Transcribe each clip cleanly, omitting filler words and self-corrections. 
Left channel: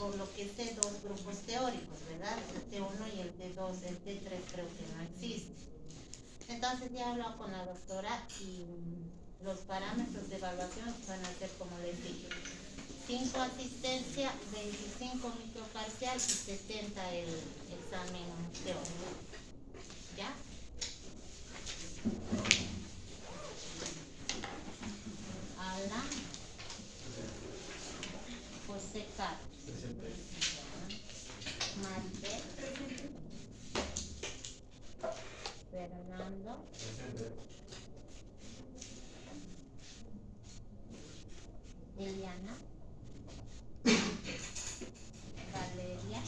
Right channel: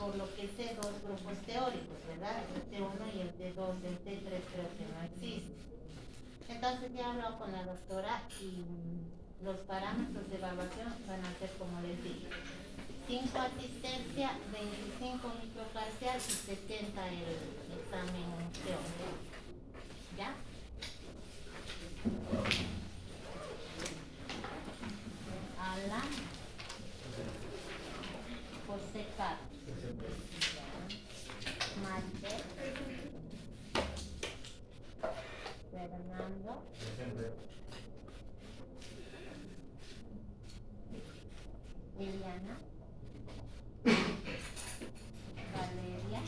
por lo que sé, dos grupos teóricos, ¿verdad? El T1 y el T2, el T3 creo que no existe. Entonces ya he hablado con la doctora y los parámetros de evaluación van a ser como les digo. 5 asistencia, 25 microparcial y 70 el examen teórico. ¿Ya? Alan José Carlos Maribel Fernando Eliana Valeria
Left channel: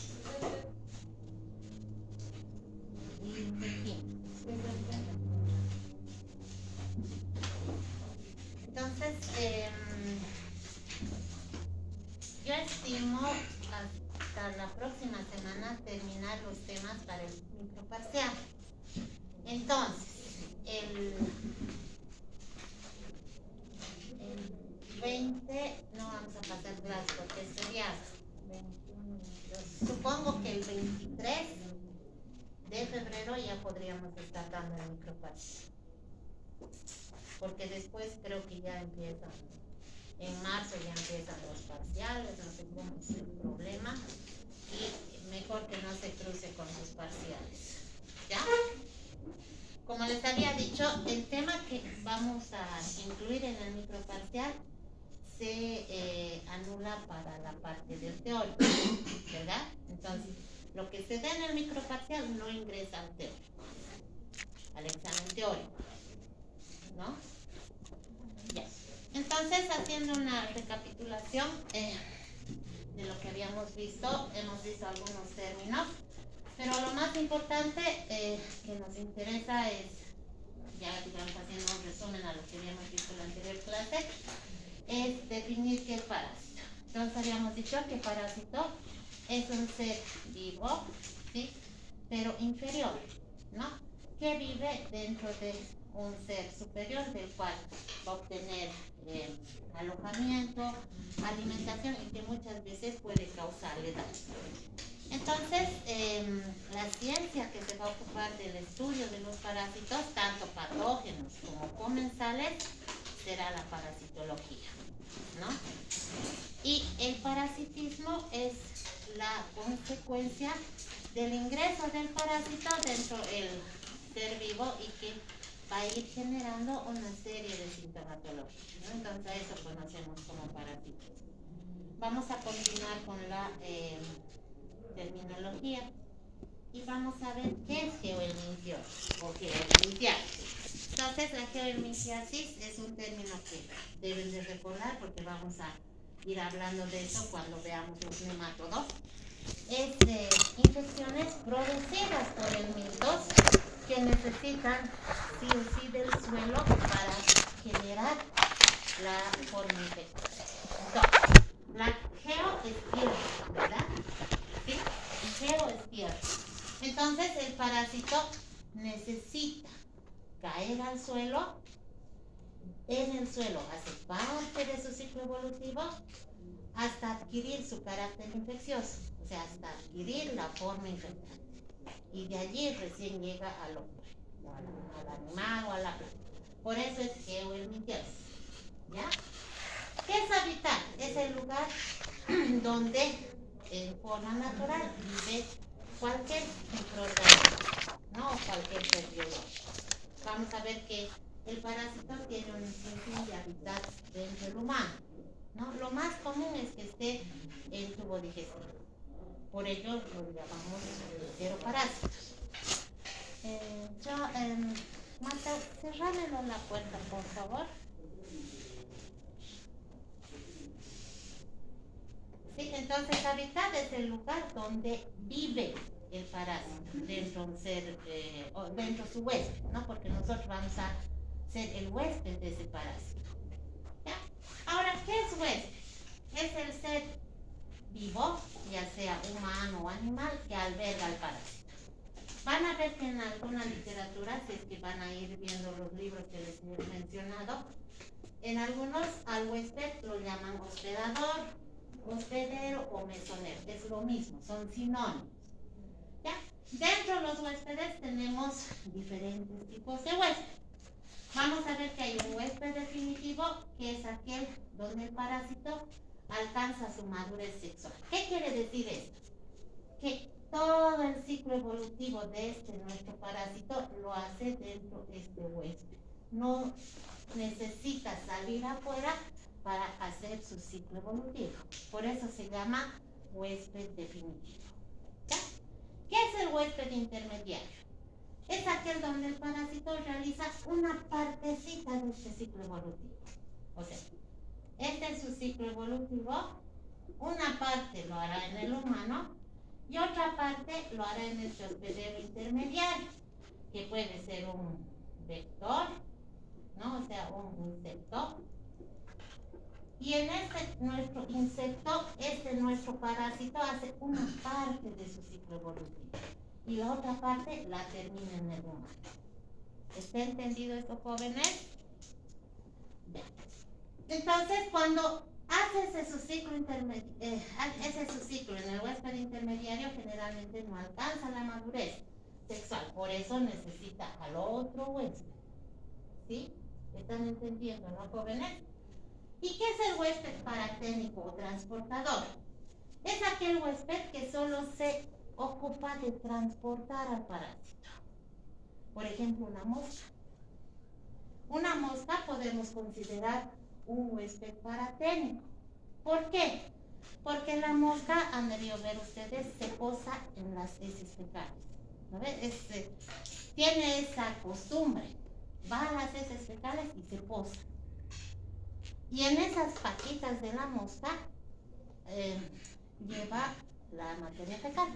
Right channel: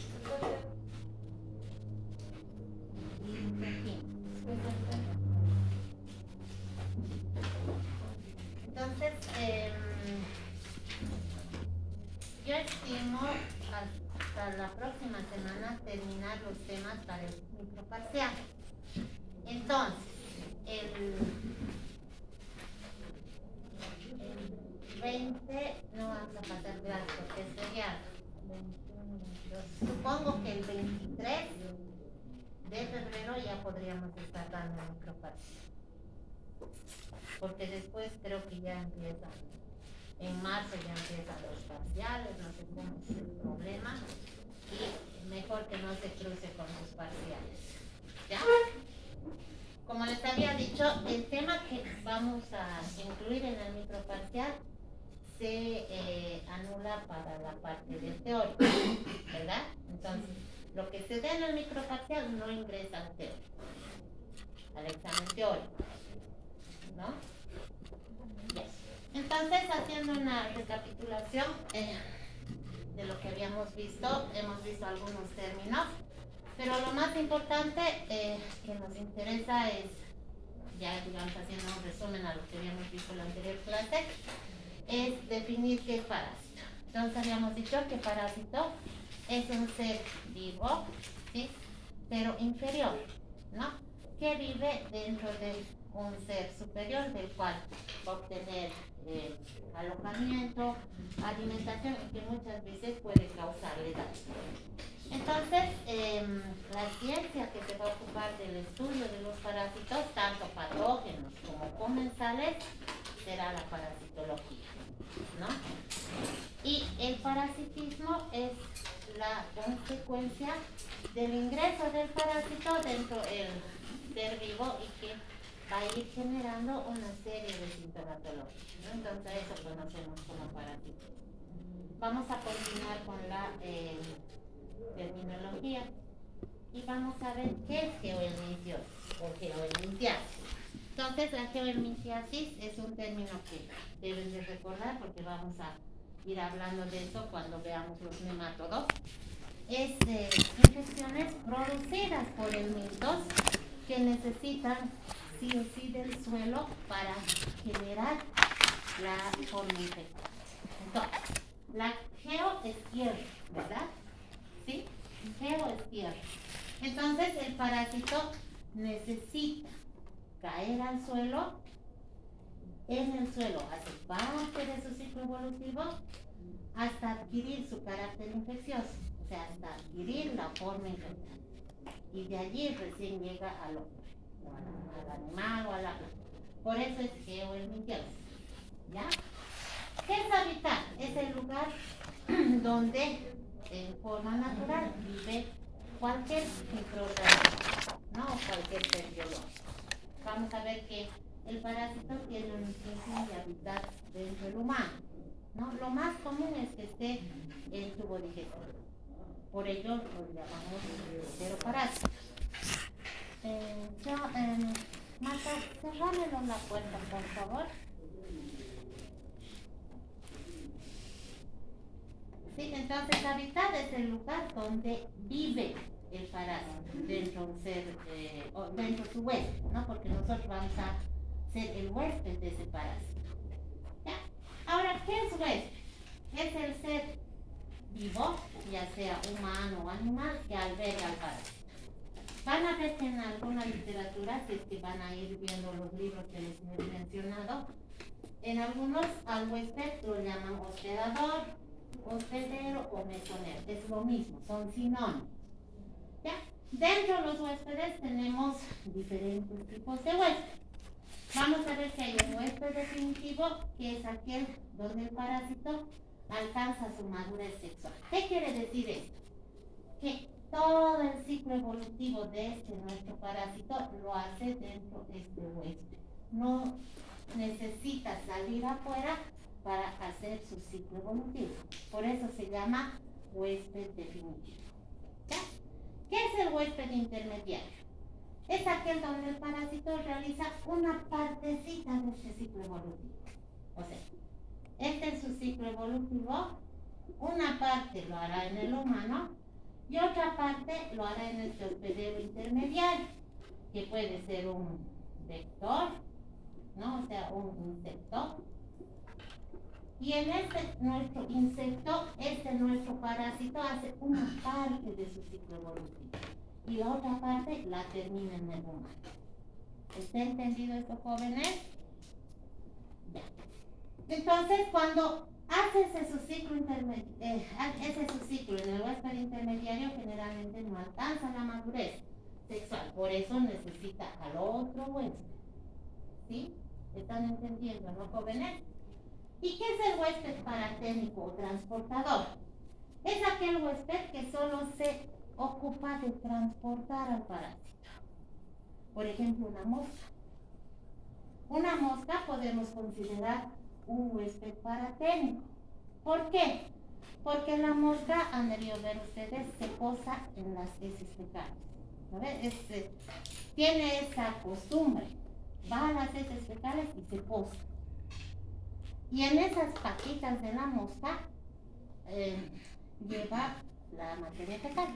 y Joaquín. Entonces, yo estimo hasta la próxima semana terminar los temas para el microparcial. Entonces, el 20 no vamos a pasar clase porque es feriado. 21, 22. Supongo que el 23 de febrero ya podríamos estar dando el microparcial. Porque después creo que ya empiezan, en marzo ya empiezan los parciales, no tendremos problema y mejor que no se cruce con los parciales. ¿Ya? Como les había dicho, el tema que vamos a incluir en el microparcial se anula para la parte del teórico, ¿verdad? Entonces, lo que se da en el microparcial no ingresa al teórico, al examen teórico, ¿no? Yes. Entonces, haciendo una recapitulación de lo que habíamos visto, hemos visto algunos términos, pero lo más importante que nos interesa es, ya digamos haciendo un resumen a lo que habíamos visto en la anterior clase, es definir qué es parásito. Entonces habíamos dicho que parásito es un ser vivo, ¿sí? Pero inferior, ¿no? Que vive dentro de un ser superior del cual va a obtener alojamiento, alimentación y que muchas veces puede causarle daño. Entonces, la ciencia que se va a ocupar del estudio de los parásitos, tanto patógenos como comensales, será la parasitología, ¿no? Y el parasitismo es la consecuencia del ingreso del parásito dentro del ser vivo y que va a ir generando una serie de sintomatologías, ¿no? Entonces a eso conocemos como parasitismo. Vamos a continuar con la terminología y vamos a ver qué es geohelminthiasis o geohelminthiasis. Entonces la geohelminthiasis es un término que deben de recordar porque vamos a ir hablando de eso cuando veamos los nemátodos. Es de infecciones producidas por helmintos que necesitan sí o sí del suelo para generar la forma infectada. Entonces, la geo es tierra, ¿verdad? ¿Sí? Geo es tierra. Entonces el parásito necesita caer al suelo, en el suelo hace parte de su ciclo evolutivo hasta adquirir su carácter infeccioso, o sea, hasta adquirir la forma infectada. Y de allí recién llega al hombre, al animal o a la planta. Por eso es geohelminthiasis. ¿Ya? ¿Qué es habitar? Es el lugar donde en forma natural vive cualquier microorganismo, ¿no? O cualquier ser biológico. Vamos a ver que el parásito tiene un sinfín de hábitat dentro del humano, ¿no? Lo más común es que esté en tubo digestivo. Por ello lo llamamos enteroparásitos. Marta, cerrámelo la puerta, por favor. Sí, entonces hábitat es el lugar donde vive el parásito dentro de un ser, o dentro de su huésped, ¿no? Porque nosotros vamos a ser el huésped de ese parásito. ¿Ya? Ahora, ¿qué es huésped? Es el ser vivo, ya sea humano o animal, que alberga al parásito. Van a ver que en alguna literatura, si es que van a ir viendo los libros que les he mencionado, en algunos al huésped lo llaman hospedador, hospedero o comezonero, es lo mismo, son sinónimos. ¿Ya? Dentro de los huéspedes tenemos diferentes tipos de huéspedes. Vamos a ver que hay un huésped definitivo, que es aquel donde el parásito alcanza su madurez sexual. ¿Qué quiere decir esto? Que todo el ciclo evolutivo de nuestro parásito lo hace dentro de este huésped. No necesita salir afuera para hacer su ciclo evolutivo. Por eso se llama huésped definitivo. ¿Ya? ¿Qué es el huésped intermediario? Es aquel donde el parásito realiza una partecita de este ciclo evolutivo. O sea, este es su ciclo evolutivo, una parte lo hará en el humano y otra parte lo hará en este hospedero intermediario, que puede ser un vector, ¿no? O sea, un insecto. Y en nuestro insecto, nuestro parásito hace una parte de su ciclo evolutivo y la otra parte la termina en el humano. ¿Está entendido esto, jóvenes? Bien. Entonces, cuando hace su ciclo en el huésped intermediario, generalmente no alcanza la madurez sexual, por eso necesita al otro huésped. ¿Sí? ¿Están entendiendo, no, jóvenes? ¿Y qué es el huésped paraténico o transportador? Es aquel huésped que solo se ocupa de transportar al parásito. Por ejemplo, una mosca. Una mosca podemos considerar un huésped paraténico. ¿Por qué? Porque la mosca, han debido ver ustedes, se posa en las heces fecales. ¿No ves? Tiene esa costumbre. Va a las heces fecales y se posa. Y en esas patitas de la mosca lleva la materia fecal.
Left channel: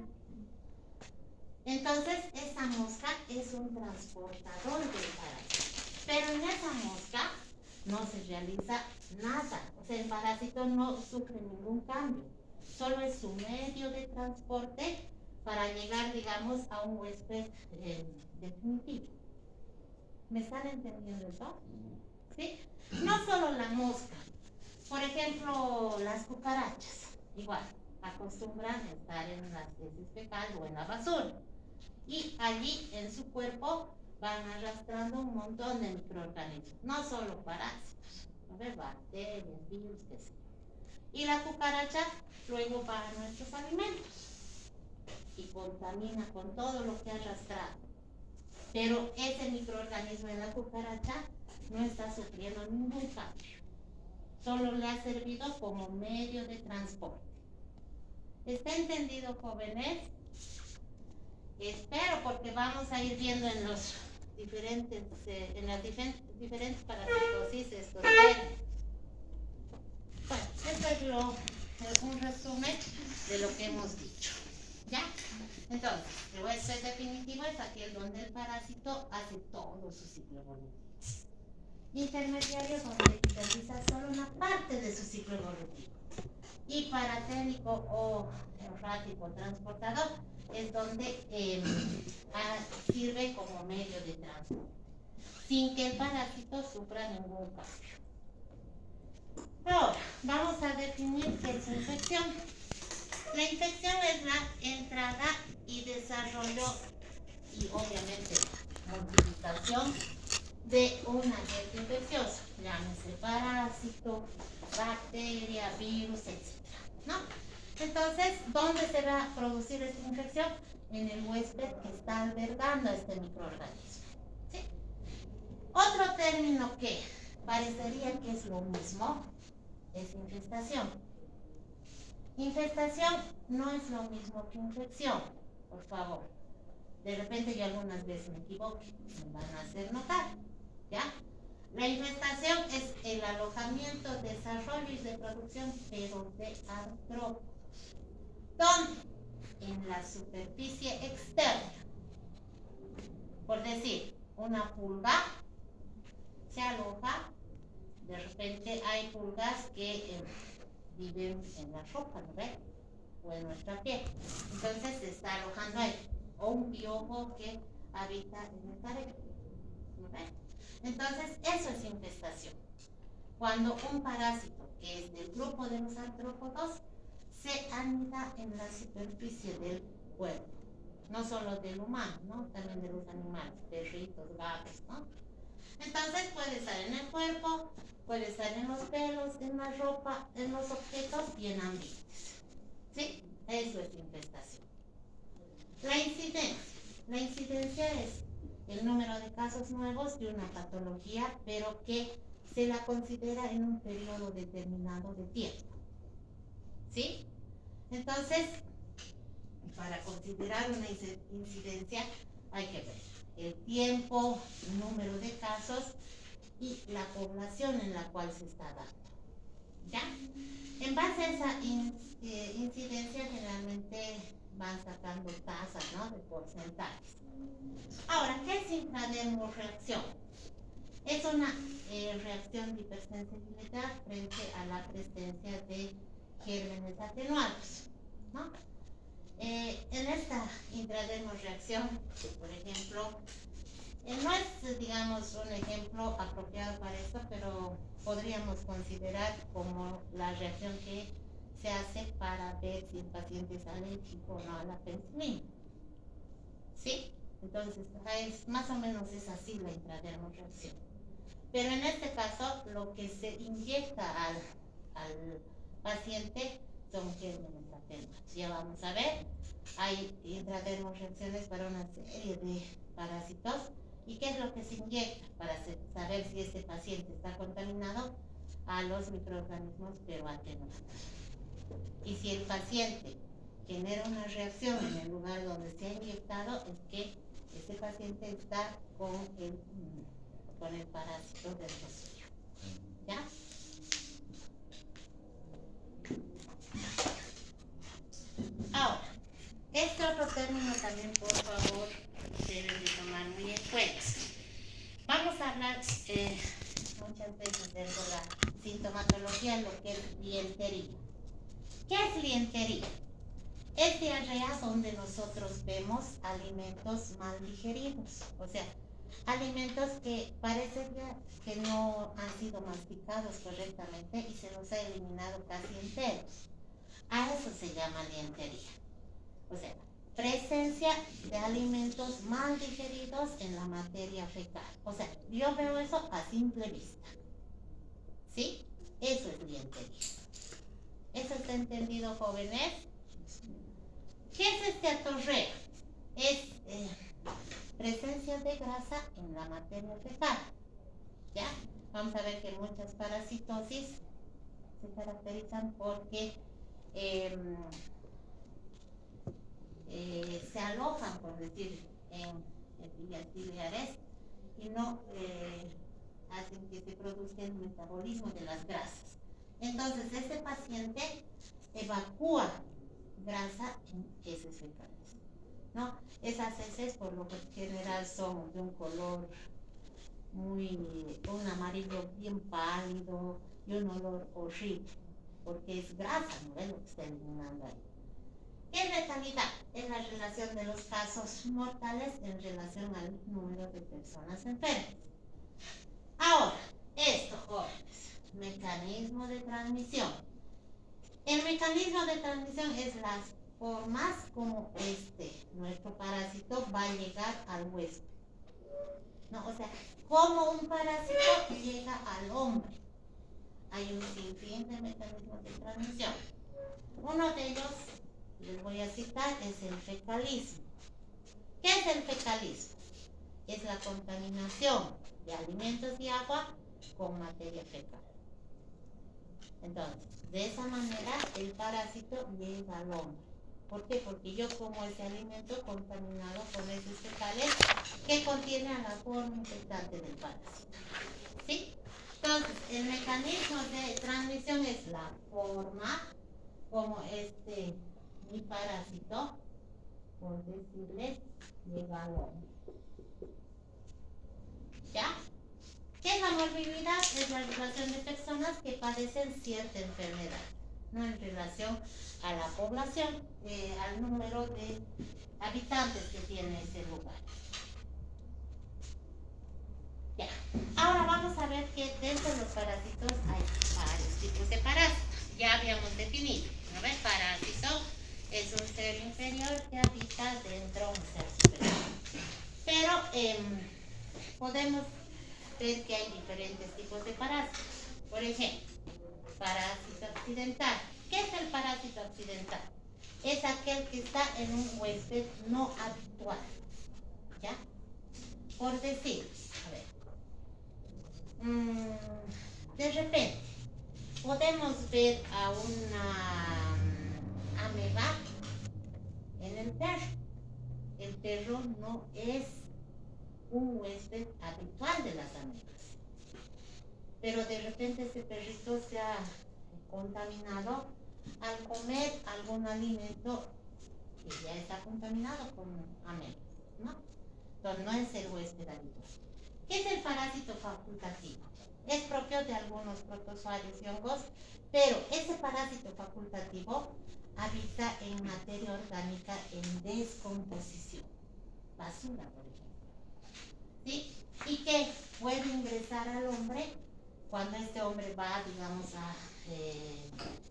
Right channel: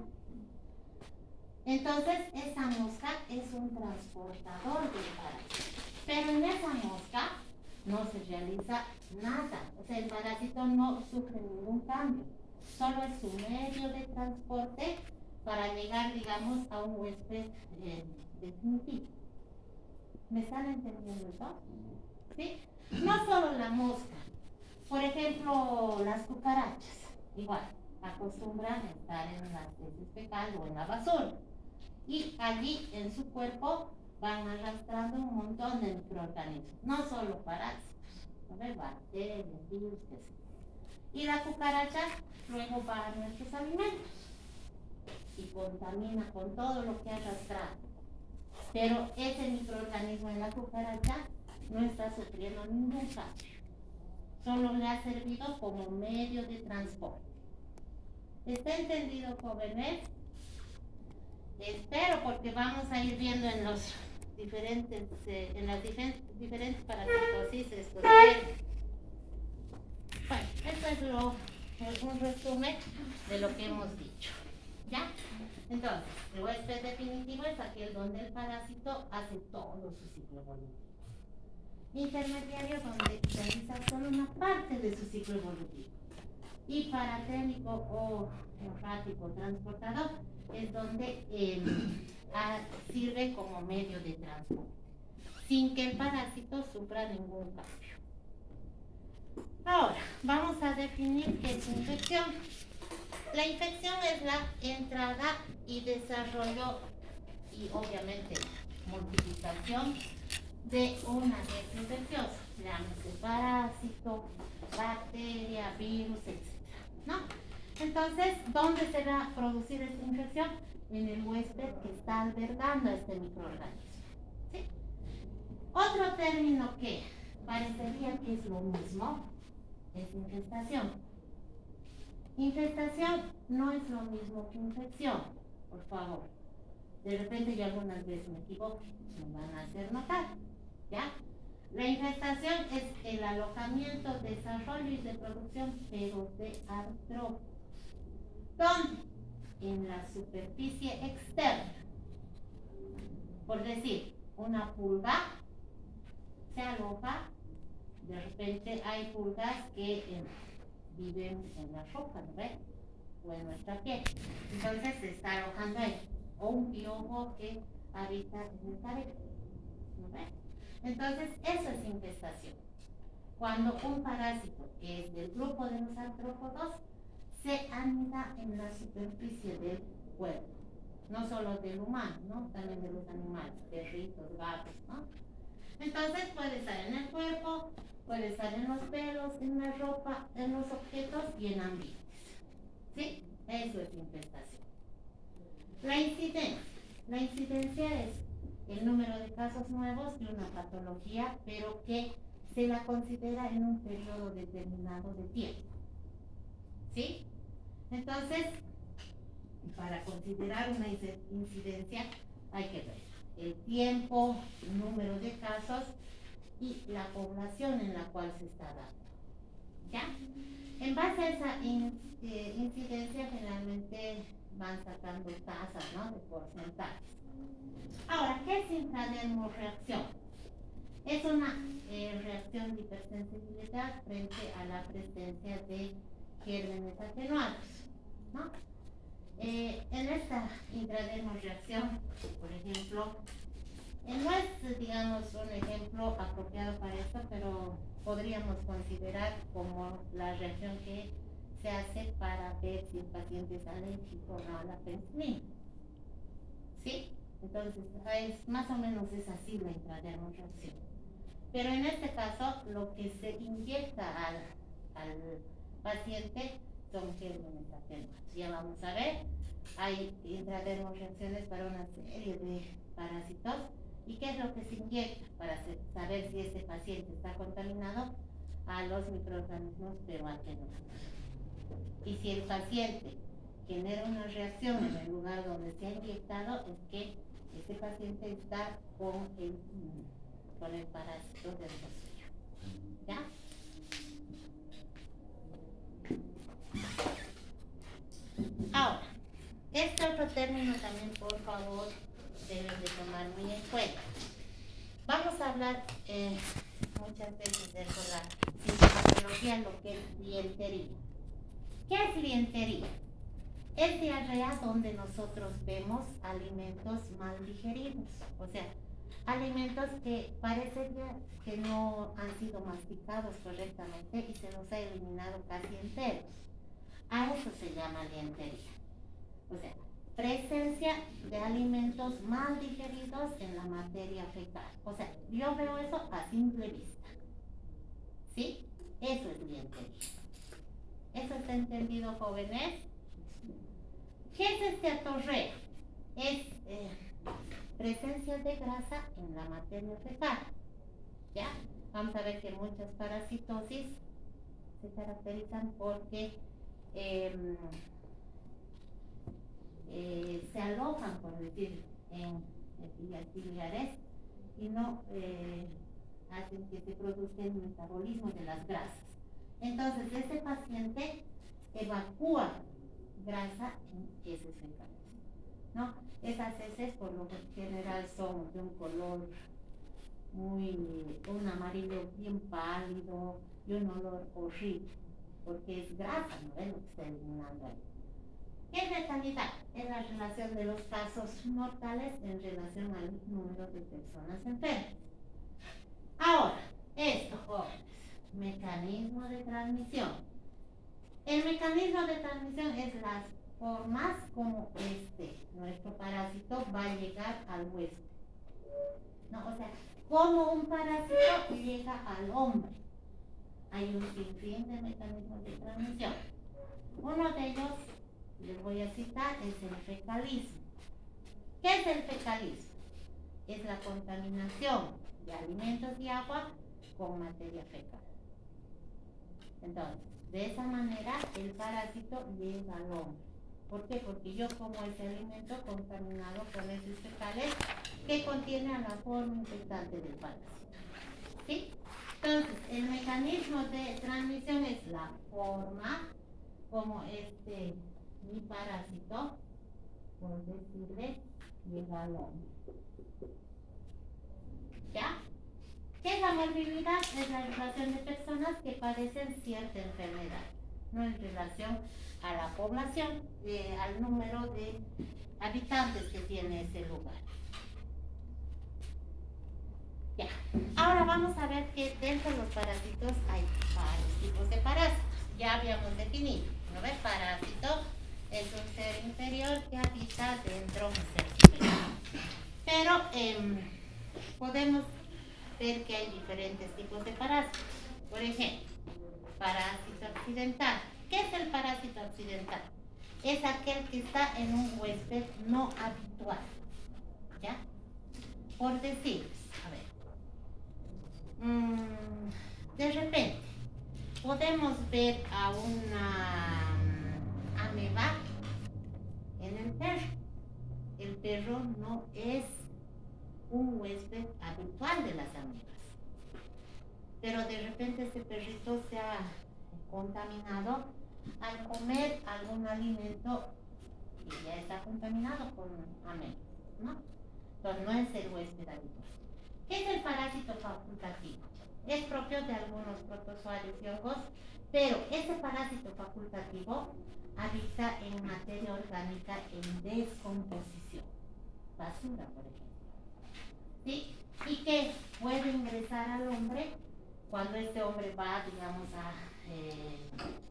Entonces, esa mosca es un transportador del parásito. Pero en esa mosca no se realiza nada. O sea, el parásito no sufre ningún cambio. Solo es su medio de transporte para llegar, digamos, a un huésped definitivo. ¿Me están entendiendo eso? ¿Sí? No solo la mosca. Por ejemplo, las cucarachas. Igual, acostumbran a estar en las heces fecales o en la basura. Y allí en su cuerpo van arrastrando un montón de microorganismos, no solo parásitos, ¿no ves? Bacterias, virus, etc. Y la cucaracha luego va a nuestros alimentos y contamina con todo lo que ha arrastrado. Pero ese microorganismo en la cucaracha no está sufriendo ningún cambio. Solo le ha servido como medio de transporte. ¿Está entendido, jóvenes? Espero, porque vamos a ir viendo en los diferentes, en las diferentes parasitosis estos términos. Bueno, esto es un resumen de lo que hemos dicho. ¿Ya? Entonces, el huésped definitivo es aquel donde el parásito hace todo su ciclo evolutivo. Intermediario, donde realiza solo una parte de su ciclo evolutivo. Y paraténico o errático transportador es donde sirve como medio de transporte, sin que el parásito sufra ningún cambio. Ahora, vamos a definir qué es infección. La infección es la entrada y desarrollo y obviamente multiplicación de un agente infeccioso, llámese parásito, bacteria, virus, etc. ¿No? Entonces, ¿dónde se va a producir esta infección? En el huésped que está albergando a este microorganismo. ¿Sí? Otro término que parecería que es lo mismo es infestación. Infestación no es lo mismo que infección, por favor. De repente yo algunas veces me equivoco, me van a hacer notar. ¿Ya? La infestación es el alojamiento, desarrollo y reproducción, pero de artrópodos. ¿Dónde? En la superficie externa. Por decir, una pulga se aloja, de repente hay pulgas que viven en la ropa, ¿no ves? O en nuestra piel. Entonces se está alojando ahí. O un piojo que habita en el cabello, ¿no ves? Entonces, eso es infestación. Cuando un parásito, que es del grupo de los artrópodos, se anida en la superficie del cuerpo, no solo del humano, ¿no? También de los animales, perritos, gatos, ¿no? Entonces puede estar en el cuerpo, puede estar en los pelos, en la ropa, en los objetos y en ambientes. ¿Sí? Eso es infestación. La incidencia. La incidencia es el número de casos nuevos de una patología, pero que se la considera en un periodo determinado de tiempo. ¿Sí? Entonces, para considerar una incidencia hay que ver el tiempo, el número de casos y la población en la cual se está dando. ¿Ya? En base a esa incidencia generalmente van sacando tasas, ¿no? De porcentajes. Ahora, ¿qué es intradermorreacción? Es una reacción de hipersensibilidad frente a la presencia de gérmenes atenuados, ¿no? En esta intradermorreacción, por ejemplo, no es, digamos, un ejemplo apropiado para esto, pero podríamos considerar como la reacción que se hace para ver si el paciente es alérgico o no a la penicilina. ¿Sí? Entonces, más o menos es así la intradermorreacción. Pero en este caso, lo que se inyecta al paciente son gérmenes atenuados. Ya vamos a ver, hay intradermorreacciones para una serie de parásitos. ¿Y qué es lo que se inyecta para saber si este paciente está contaminado? A los microorganismos pero atenuados. Y si el paciente genera una reacción en el lugar donde se ha inyectado, es que este paciente está con el parásito del suyo. ¿Ya? Ahora, este otro término también, por favor, deben de tomar muy en cuenta. Vamos a hablar muchas veces de la sintomatología, lo que es lientería. ¿Qué es lientería? Es diarrea donde nosotros vemos alimentos mal digeridos, o sea, alimentos que parece que no han sido masticados correctamente y se los ha eliminado casi enteros. A eso se llama lientería. O sea, presencia de alimentos mal digeridos en la materia fecal. O sea, yo veo eso a simple vista. ¿Sí? Eso es lientería. ¿Eso está entendido, jóvenes? ¿Qué es este atorreo? Es presencia de grasa en la materia fecal. ¿Ya? Vamos a ver que muchas parasitosis se caracterizan porque se alojan, por decir, en epitelios biliares y no hacen que se produzca el metabolismo de las grasas. Entonces, este paciente evacúa grasa en heces fecales, ¿no? Esas heces por lo general son de un color un amarillo bien pálido y un olor horrible, porque es grasa, ¿no es lo que está eliminando ahí? ¿Qué es letalidad? Es la relación de los casos mortales en relación al número de personas enfermas. Ahora, esto, jóvenes, mecanismo de transmisión. El mecanismo de transmisión es las formas como nuestro parásito va a llegar al huésped. No, o sea, como un parásito llega al hombre. Hay un sinfín de mecanismos de transmisión. Uno de ellos, les voy a citar, es el fecalismo. ¿Qué es el fecalismo? Es la contaminación de alimentos y agua con materia fecal. Entonces, de esa manera el parásito llega al hombre. ¿Por qué? Porque yo como ese alimento contaminado con heces fecales que contiene a la forma infectante del parásito. ¿Sí? Entonces, el mecanismo de transmisión es la forma como mi parásito, por decirles, llega al hombre. ¿Ya? ¿Qué es la morbilidad? Es la relación de personas que padecen cierta enfermedad, no en relación a la población, al número de habitantes que tiene ese lugar. Ya. Ahora vamos a ver que dentro de los parásitos hay varios tipos de parásitos. ya habíamos definido, ¿no ves? Parásito es un ser inferior que habita dentro de un ser superior. Pero podemos ver que hay diferentes tipos de parásitos. Por ejemplo, parásito accidental. ¿Qué es el parásito accidental? Es aquel que está en un huésped no habitual. ¿Ya? Por decir, a ver, de repente podemos ver a una ameba en el perro. El perro no es un huésped habitual de las amebas, pero de repente ese perrito se ha contaminado al comer algún alimento que ya está contaminado con amebas, ¿no? Entonces no es el huésped habitual. ¿Qué es el parásito facultativo? Es propio de algunos protozoarios y hongos, pero ese parásito facultativo habita en materia orgánica en descomposición, basura, por ejemplo, ¿sí? Y que puede ingresar al hombre cuando este hombre va, digamos, a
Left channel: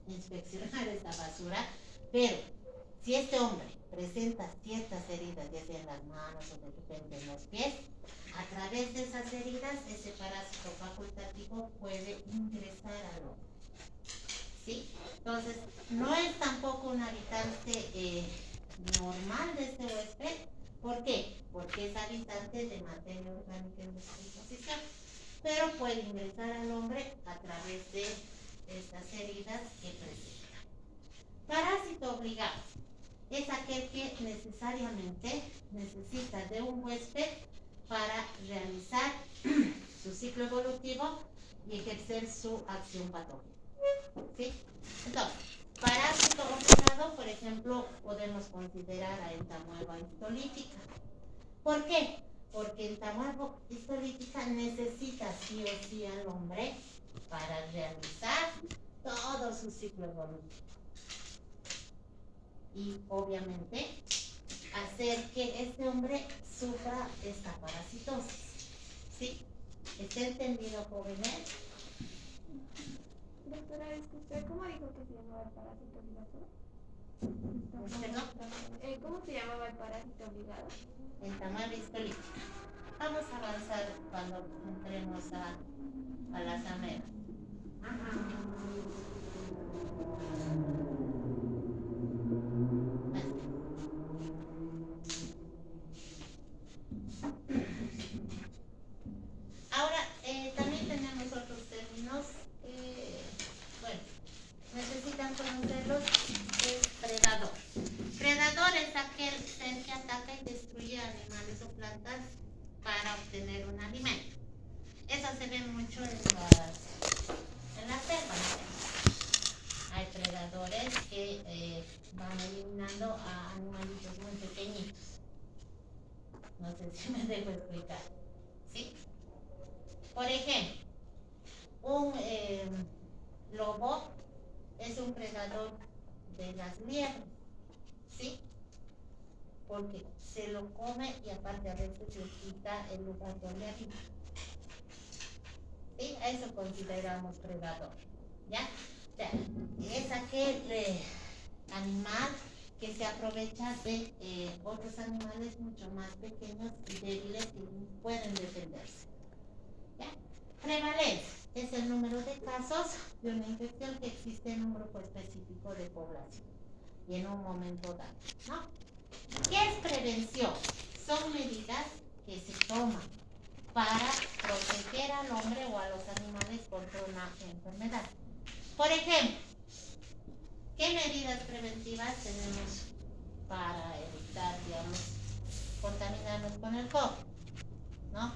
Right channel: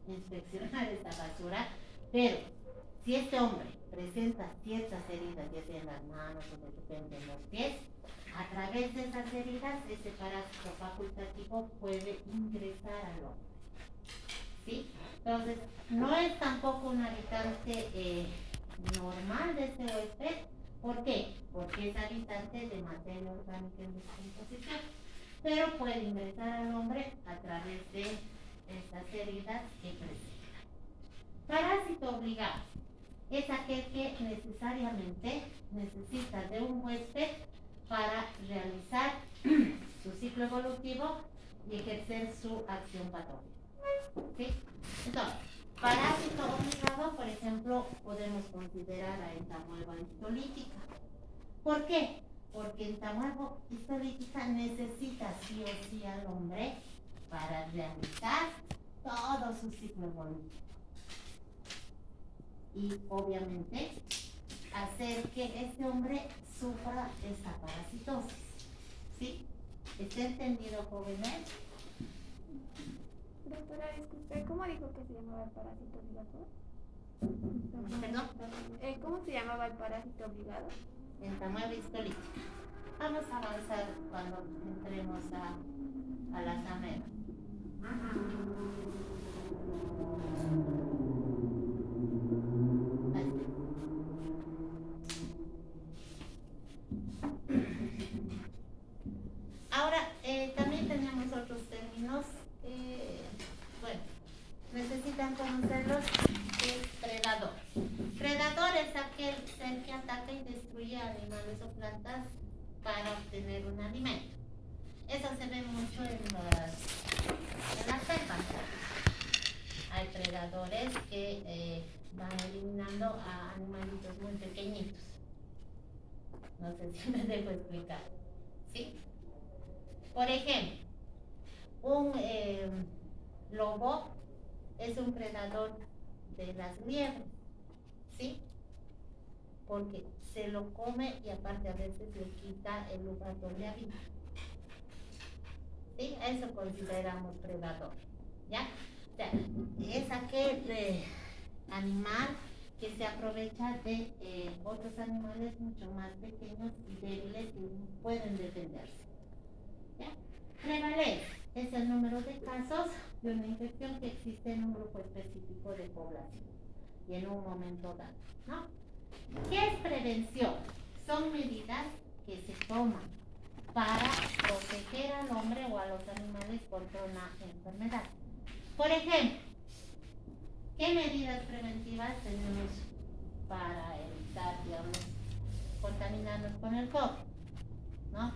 inspeccionar esta basura, pero si este hombre presenta ciertas heridas, ya sea en las manos o de repente en los pies, a través de esas heridas, ese parásito facultativo puede ingresar al hombre, ¿sí? Entonces, no es tampoco un habitante normal de este huésped. ¿Por qué? Porque es habitante de materia orgánica en descomposición, pero puede ingresar al hombre a través de estas heridas que presenta. Parásito obligado es aquel que necesariamente necesita de un huésped para realizar su ciclo evolutivo y ejercer su acción patógena, ¿sí? Entonces, parásito obligado, por ejemplo, podemos considerar a entamuelva histolítica. ¿Por qué? Porque entamuelva histolítica necesita sí o sí al hombre para realizar todo su ciclo evolutivo. Y obviamente hacer que este hombre sufra esta parasitosis, ¿sí? ¿Está entendido, jóvenes? Doctora, disculpe, ¿cómo dijo que se llamaba el parásito obligado? ¿Perdón? ¿Cómo se llamaba el parásito obligado? Entamuelva histolítica. Vamos a avanzar cuando entremos a las amebas. Ahora, también tenemos otros términos, bueno, necesitan conocerlos. Es predador. Predador es aquel ser que ataca y destruye animales o plantas para obtener un alimento. Eso se ve mucho en la selva, ¿no? Hay predadores que van eliminando a animalitos muy pequeñitos. No sé si me dejo explicar, ¿sí? Por ejemplo, un lobo es un predador de las liebres, ¿sí? Porque se lo come y aparte a veces le quita el lugar donde habita. ¿Sí? Eso consideramos predador, ¿ya? O sea, es aquel animal que se aprovecha de otros animales mucho más pequeños y débiles que pueden defenderse, ¿ya? Prevalencia es el número de casos de una infección que existe en un grupo específico de población y en un momento dado, ¿no? ¿Qué es prevención? Son medidas que se toman para proteger al hombre o a los animales contra una enfermedad. Por ejemplo, ¿qué medidas preventivas tenemos para evitar, digamos, contaminarnos con el COVID? ¿No?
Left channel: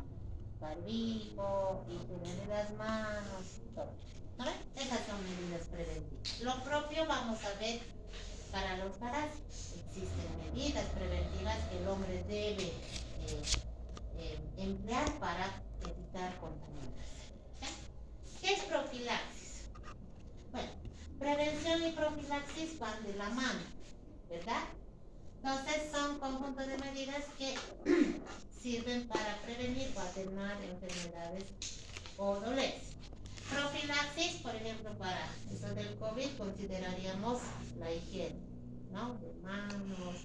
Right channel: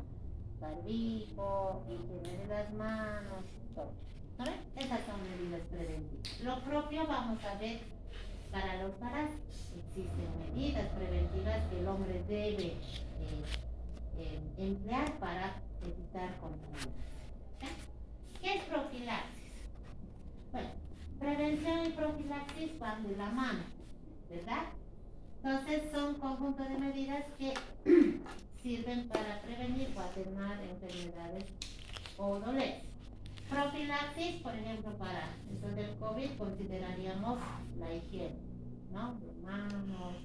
Barbijo, higiene de las manos, todo. ¿No ven? Esas son medidas preventivas. Lo propio vamos a ver para los parásitos. Existen medidas preventivas que el hombre debe emplear para evitar contaminación. ¿Qué es profilaxis? Bueno, prevención y profilaxis van de la mano, ¿verdad? Entonces son conjuntos de medidas que sirven para prevenir o atenuar enfermedades o dolencias. Profilaxis, por ejemplo, para esto del COVID consideraríamos la higiene, ¿no? De manos,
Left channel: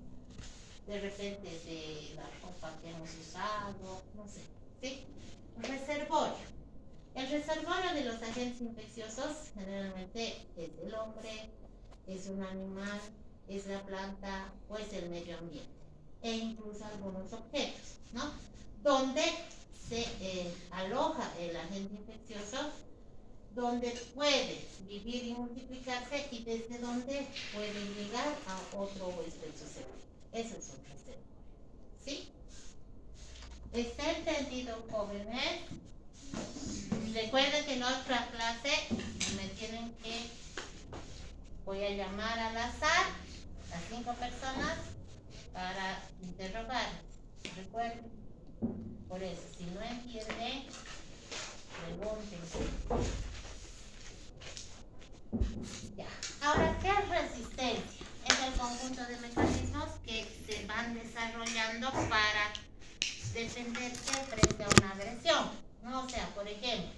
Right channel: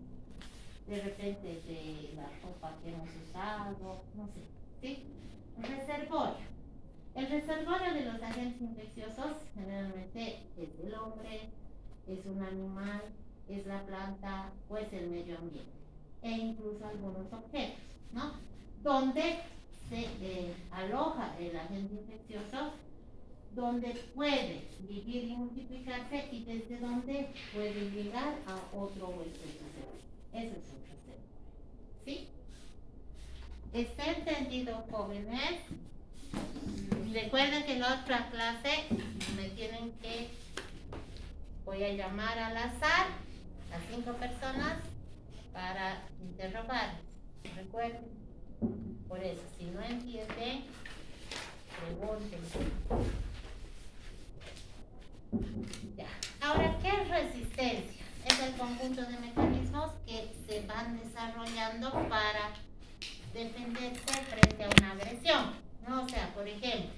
de repente de la ropa que hemos usado, no sé, ¿sí? Reservorio. El reservorio de los agentes infecciosos generalmente es el hombre, es un animal, es la planta o es el medio ambiente e incluso algunos objetos, ¿no? Donde se aloja el agente infeccioso, donde puede vivir y multiplicarse y desde donde puede llegar a otro huésped susceptible. Eso es un reservorio, ¿sí? ¿Está entendido, jóvenes? Recuerden que en la otra clase me tienen que, voy a llamar al azar a 5 personas para interrogarles. Recuerden, por eso, si no entienden, pregunten. Ya. Ahora, ¿qué es resistencia? Es el conjunto de mecanismos que se van desarrollando para defenderse frente a una agresión, ¿no? O sea, por ejemplo,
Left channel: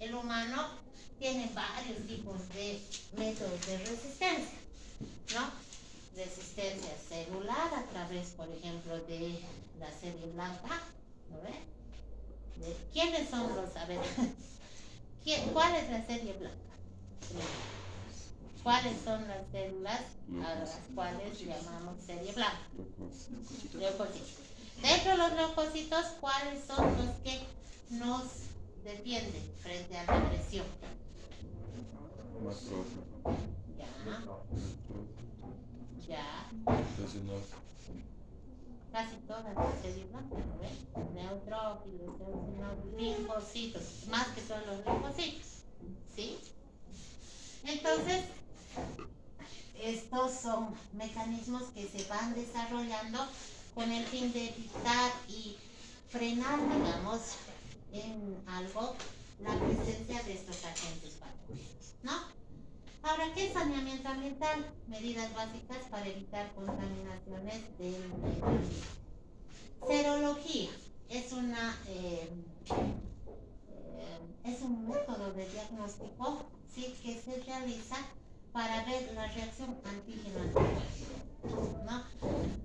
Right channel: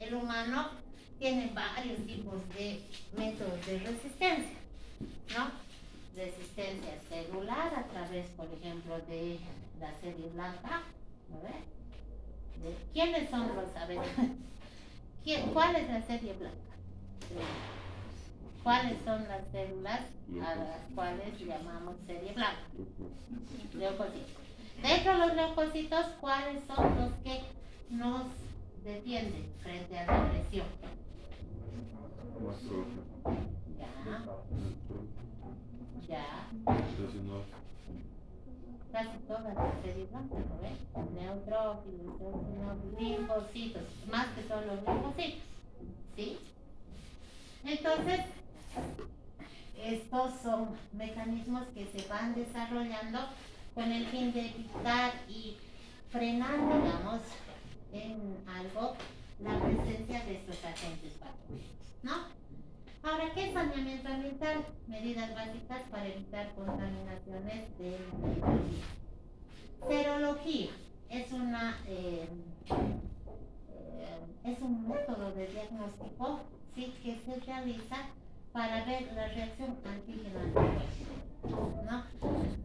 el humano tiene varios tipos de métodos de resistencia, ¿no? Resistencia celular a través, por ejemplo, de la serie blanca, ¿no ve? ¿Quiénes son los, a ver, cuál es la serie blanca? ¿Cuáles son las células a las cuales llamamos serie blanca? Leucocitos. Dentro de los leucocitos, ¿cuáles son los que nos defienden frente a la agresión? Ya. Casi todas las series blancas, ¿no ven? Neutrófilos, eosinófilos, linfocitos, más que todos los linfocitos, ¿sí? Entonces, estos son mecanismos que se van desarrollando con el fin de evitar y frenar, digamos, en algo la presencia de estos agentes patógenos, ¿no? Ahora, ¿qué es saneamiento ambiental? Medidas básicas para evitar contaminaciones del medio ambiente. Serología es es un método de diagnóstico, ¿sí?, que se realiza para ver la reacción antígeno-anticuerpo, ¿no?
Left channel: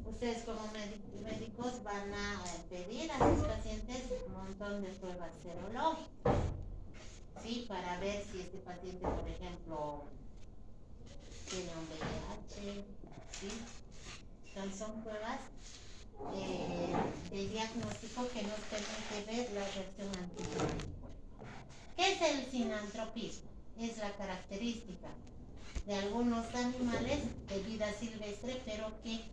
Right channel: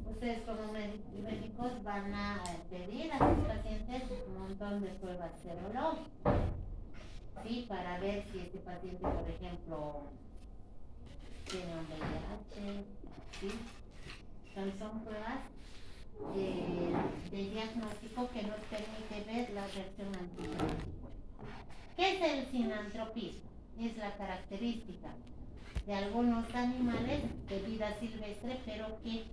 Ustedes como médicos van a pedir a sus pacientes un montón de pruebas serológicas, ¿sí?, para ver si este paciente, por ejemplo, tiene un VIH, ¿sí? Entonces son pruebas de diagnóstico que nos permite ver la reacción antígeno-anticuerpo. ¿Qué es el sinantropismo? Es la característica de algunos animales de vida silvestre, pero que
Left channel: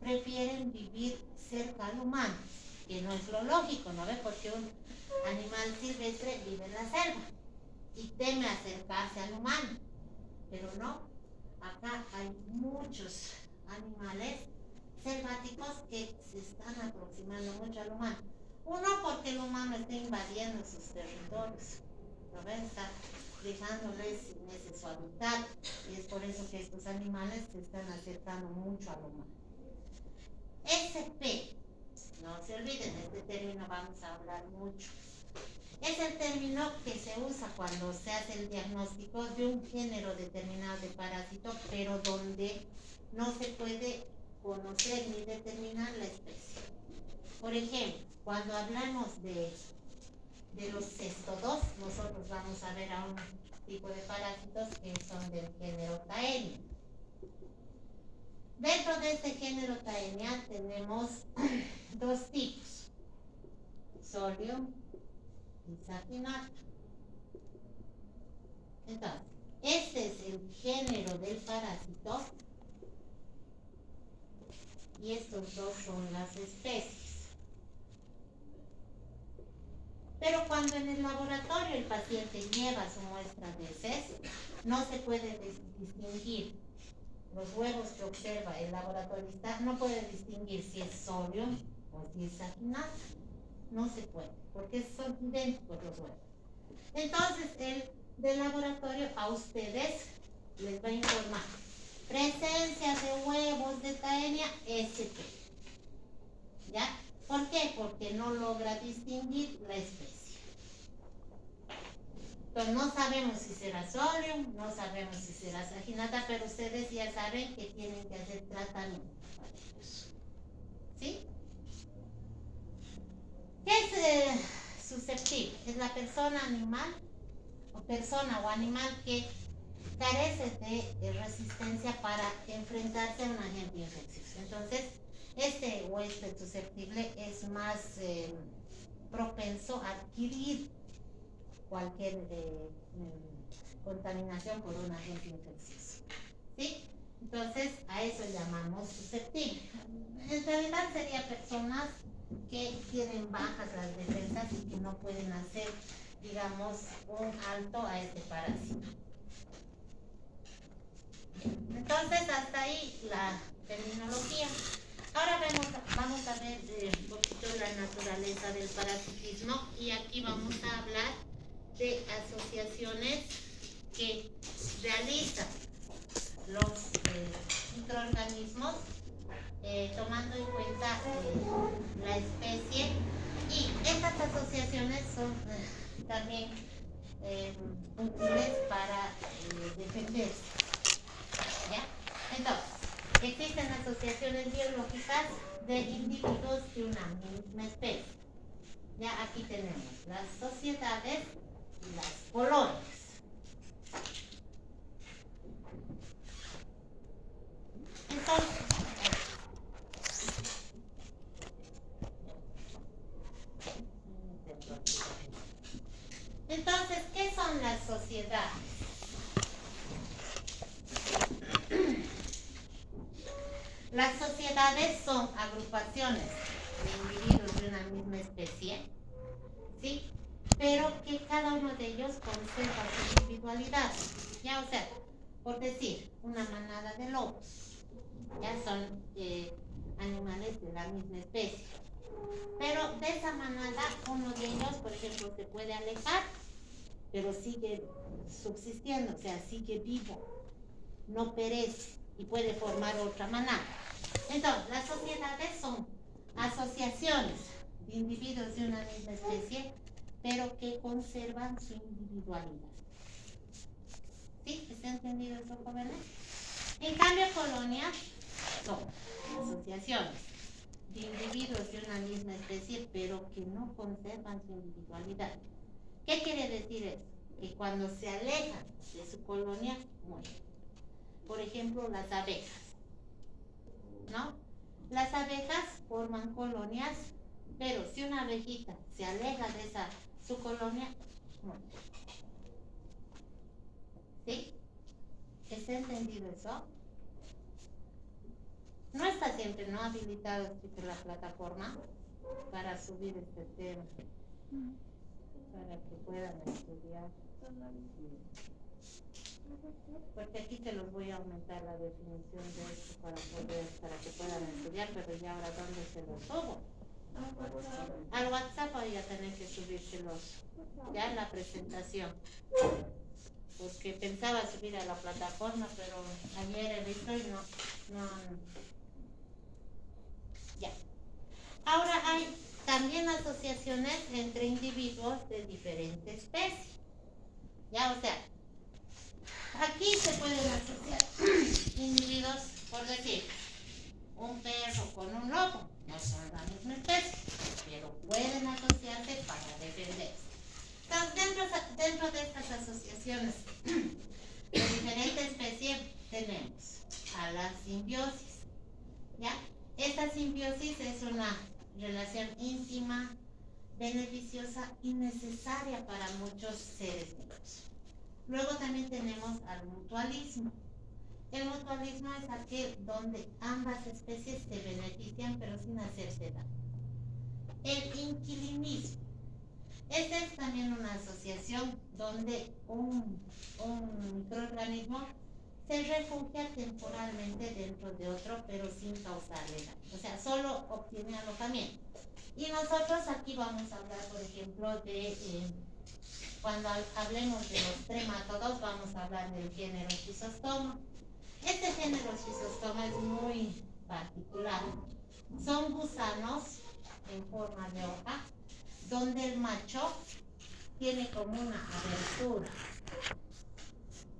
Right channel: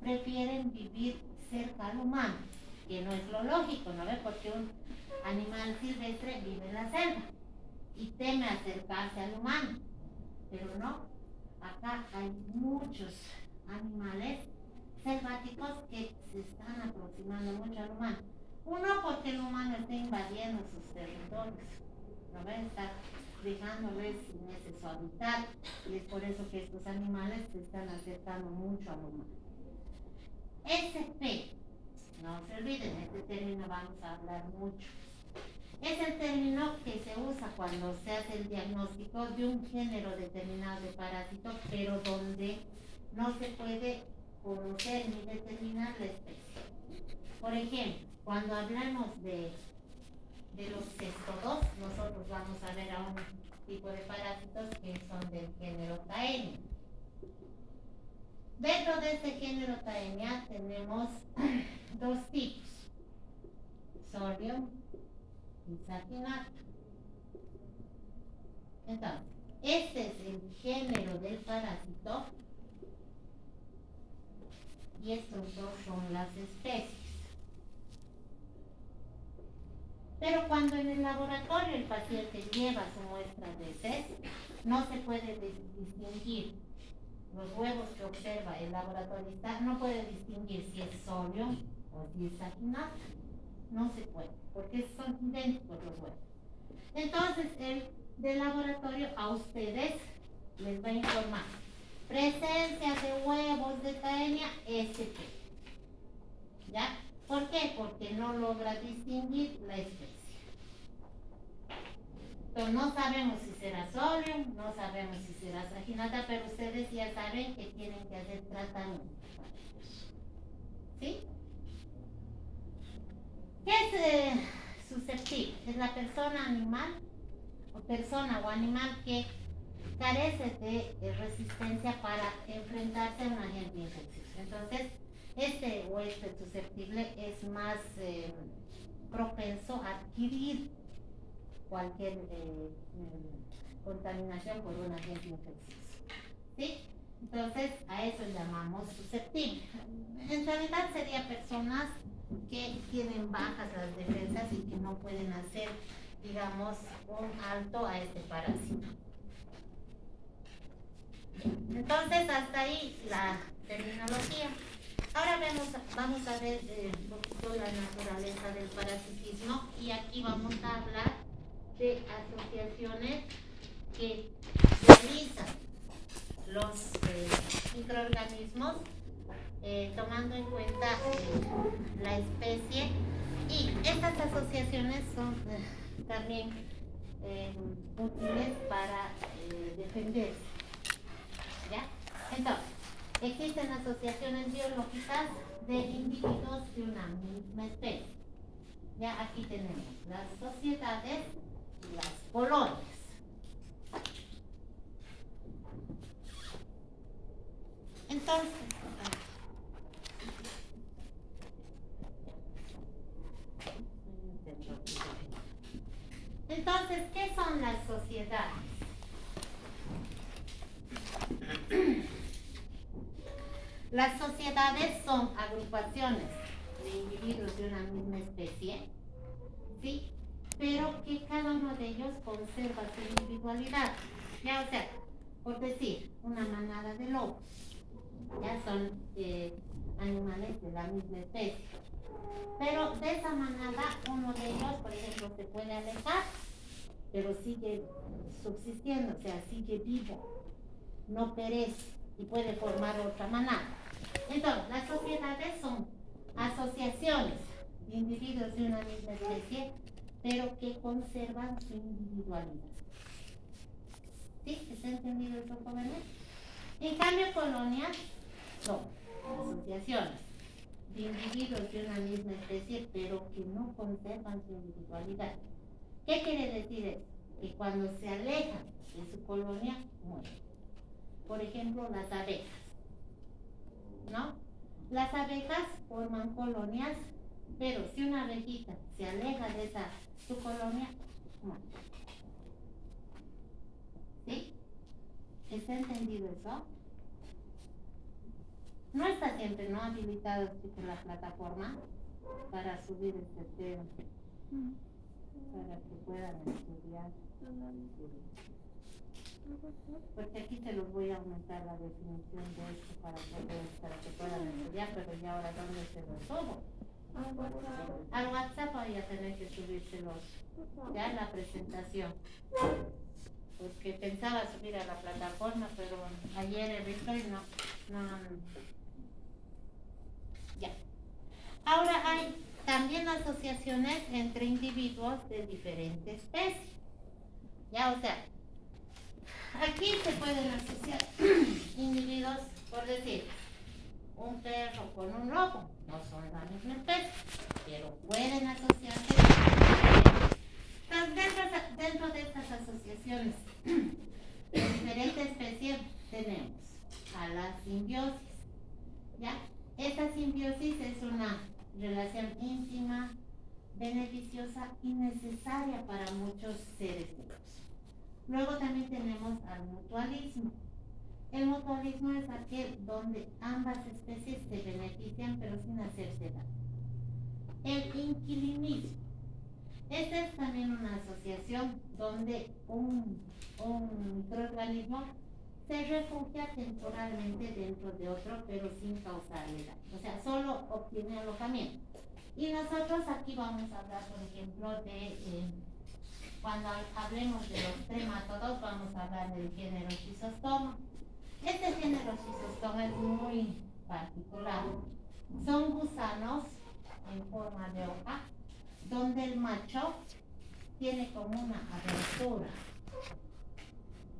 prefieren vivir cerca al humano, que no es lo lógico, ¿no ve? Porque un animal silvestre vive en la selva y teme acercarse al humano, pero no, acá hay muchos animales selváticos que se están aproximando mucho al humano. Uno, porque el humano está invadiendo sus territorios, ¿no ves? Está dejándoles sin ese su hábitat, y es por eso que estos animales se están acercando mucho al humano. SP, no se olviden, este término vamos a hablar mucho. Es el término que se usa cuando se hace el diagnóstico de un género determinado de parásito, pero donde no se puede conocer ni determinar la especie. Por ejemplo, cuando hablamos de los cestodos, nosotros vamos a ver a un tipo de parásitos que son del género Taenia. Dentro de este género Taenia tenemos dos tipos, Sordium y Saphinatum. Entonces, este es el género del parásito y estos dos son las especies. Pero cuando en el laboratorio el paciente lleva su muestra de heces, no se puede distinguir los huevos que observa el laboratorista, no puede distinguir si es Sordium o si es Saphinatum. No se puede, porque son idénticos los huevos. Entonces, el del laboratorio a ustedes les va a informar presencia de huevos de Taenia SP. ¿Ya? ¿Por qué? Porque no logra distinguir la especie. Entonces no sabemos si será solium, no sabemos si será saginata, pero ustedes ya saben que tienen que hacer tratamiento. ¿Sí? ¿Qué es susceptible? Es la persona animal o persona o animal que carece de resistencia para enfrentarse a un agente infeccioso. Entonces, este susceptible es más propenso a adquirir cualquier contaminación por un agente infeccioso. ¿Sí? Entonces, a eso llamamos susceptible. En realidad serían personas que tienen bajas las defensas y que no pueden hacer, digamos, un alto a este parásito. Entonces, hasta ahí la terminología. Ahora vamos a ver un poquito la naturaleza del parasitismo y aquí vamos a hablar de asociaciones que realizan los microorganismos tomando en cuenta la especie, y estas asociaciones son también útiles para defenderse. ¿Ya? Entonces, existen asociaciones biológicas de individuos de una misma especie. Ya aquí tenemos las sociedades y las colonias. Entonces, ¿qué son las sociedades? Las sociedades son agrupaciones de individuos de una misma especie, ¿sí? Pero que cada uno de ellos conserva su individualidad. Ya, o sea, por decir, una manada de lobos, ya son animales de la misma especie. Pero de esa manada, uno de ellos, por ejemplo, se puede alejar, pero sigue subsistiendo, o sea, sigue vivo, no perece y puede formar otra manada. Entonces, las sociedades son asociaciones de individuos de una misma especie, pero que conservan su individualidad. ¿Sí? ¿Está entendido eso, jóvenes? En cambio, colonias son asociaciones de individuos de una misma especie, pero que no conservan su individualidad. ¿Qué quiere decir eso? Que cuando se alejan de su colonia, mueren. Por ejemplo, las abejas, ¿no? Las abejas forman colonias, pero si una abejita se aleja de su colonia, muere. ¿Sí? ¿Está entendido eso? No está siempre no habilitado la plataforma para subir este tema, para que puedan estudiar. Porque aquí te los voy a aumentar la definición de esto para que puedan estudiar, pero ya ahora ¿dónde se lo subo? Al WhatsApp voy a tener que subírselos ya en la presentación, porque pensaba subir a la plataforma, pero ayer he visto y no. Ya. Ahora hay también asociaciones entre individuos de diferentes especies. Ya, o sea, aquí se pueden asociar individuos, por decir, un perro con un lobo, no son la misma especie, pero pueden asociarse. Entonces, dentro de estas asociaciones de diferentes especies tenemos a la simbiosis. ¿Ya? Esta simbiosis es una relación íntima, beneficiosa y necesaria para muchos seres vivos. Luego también tenemos al mutualismo. El mutualismo es aquel donde ambas especies se benefician pero sin hacerse daño. El inquilinismo. Esta es también una asociación donde un microorganismo se refugia temporalmente dentro de otro, pero sin causarle daño. O sea, solo obtiene alojamiento. Y nosotros aquí vamos a hablar, por ejemplo, de cuando hablemos de los tremátodos, vamos a hablar del género Schistostoma. Este género Schistostoma es muy particular. Son gusanos en forma de hoja, donde el macho tiene como una abertura,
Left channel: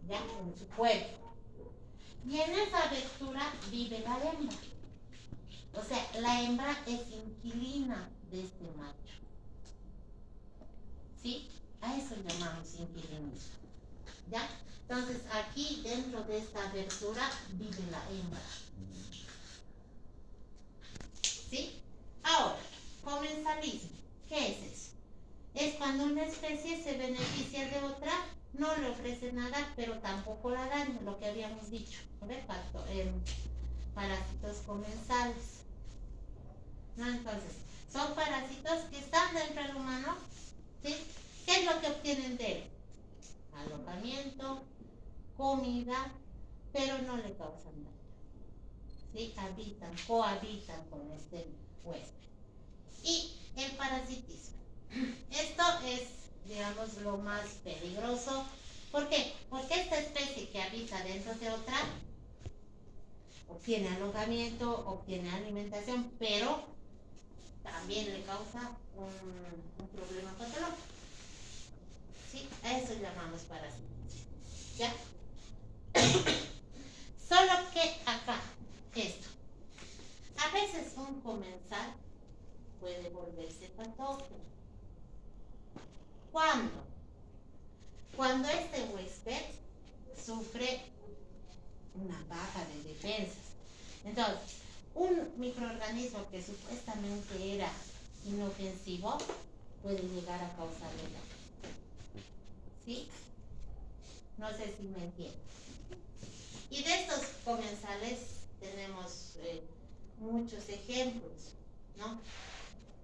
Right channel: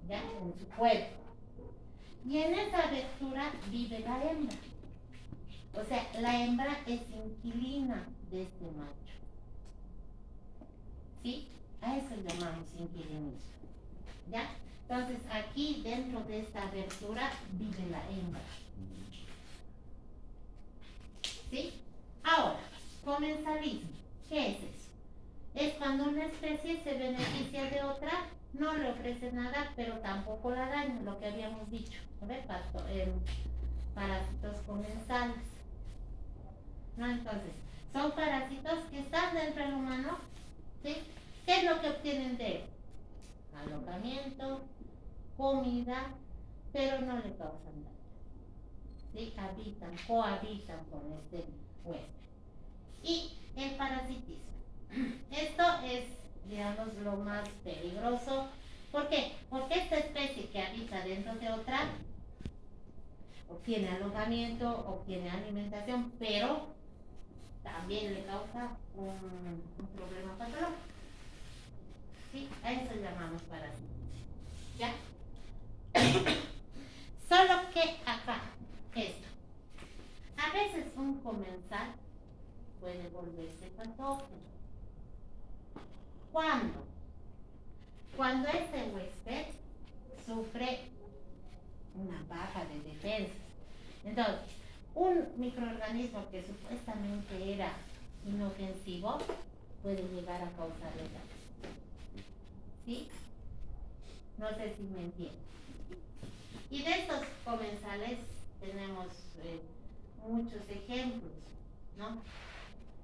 ¿ya? En su cuerpo. Y en esa abertura vive la hembra. O sea, la hembra es inquilina de este macho. ¿Sí? A eso llamamos inquilinismo. ¿Ya? Entonces, aquí dentro de esta abertura vive la hembra. ¿Sí? Ahora, comensalismo. ¿Qué es eso? Es cuando una especie se beneficia de otra, no le ofrece nada, pero tampoco la daña, lo que habíamos dicho. ¿No ves? Parásitos comensales. ¿No? Entonces, son parásitos que están dentro del humano. ¿Sí? ¿Qué es lo que obtienen de él? Alojamiento, comida, pero no le causan daño. ¿Sí? Cohabitan con este huésped. Y el parasitismo. Esto es, digamos, lo más peligroso. ¿Por qué? Porque esta especie que habita dentro de otra obtiene alojamiento, obtiene alimentación, pero también le causa un problema patológico. ¿Sí? A eso llamamos parasitismo. ¿Ya? Solo que acá, esto. A veces un comensal puede volverse patógeno. ¿Cuándo? Cuando este huésped sufre una baja de defensas. Entonces, un microorganismo que supuestamente era inofensivo puede llegar a causarle daño. ¿Sí? No sé si me entienden. Y de estos comensales tenemos muchos ejemplos, ¿no?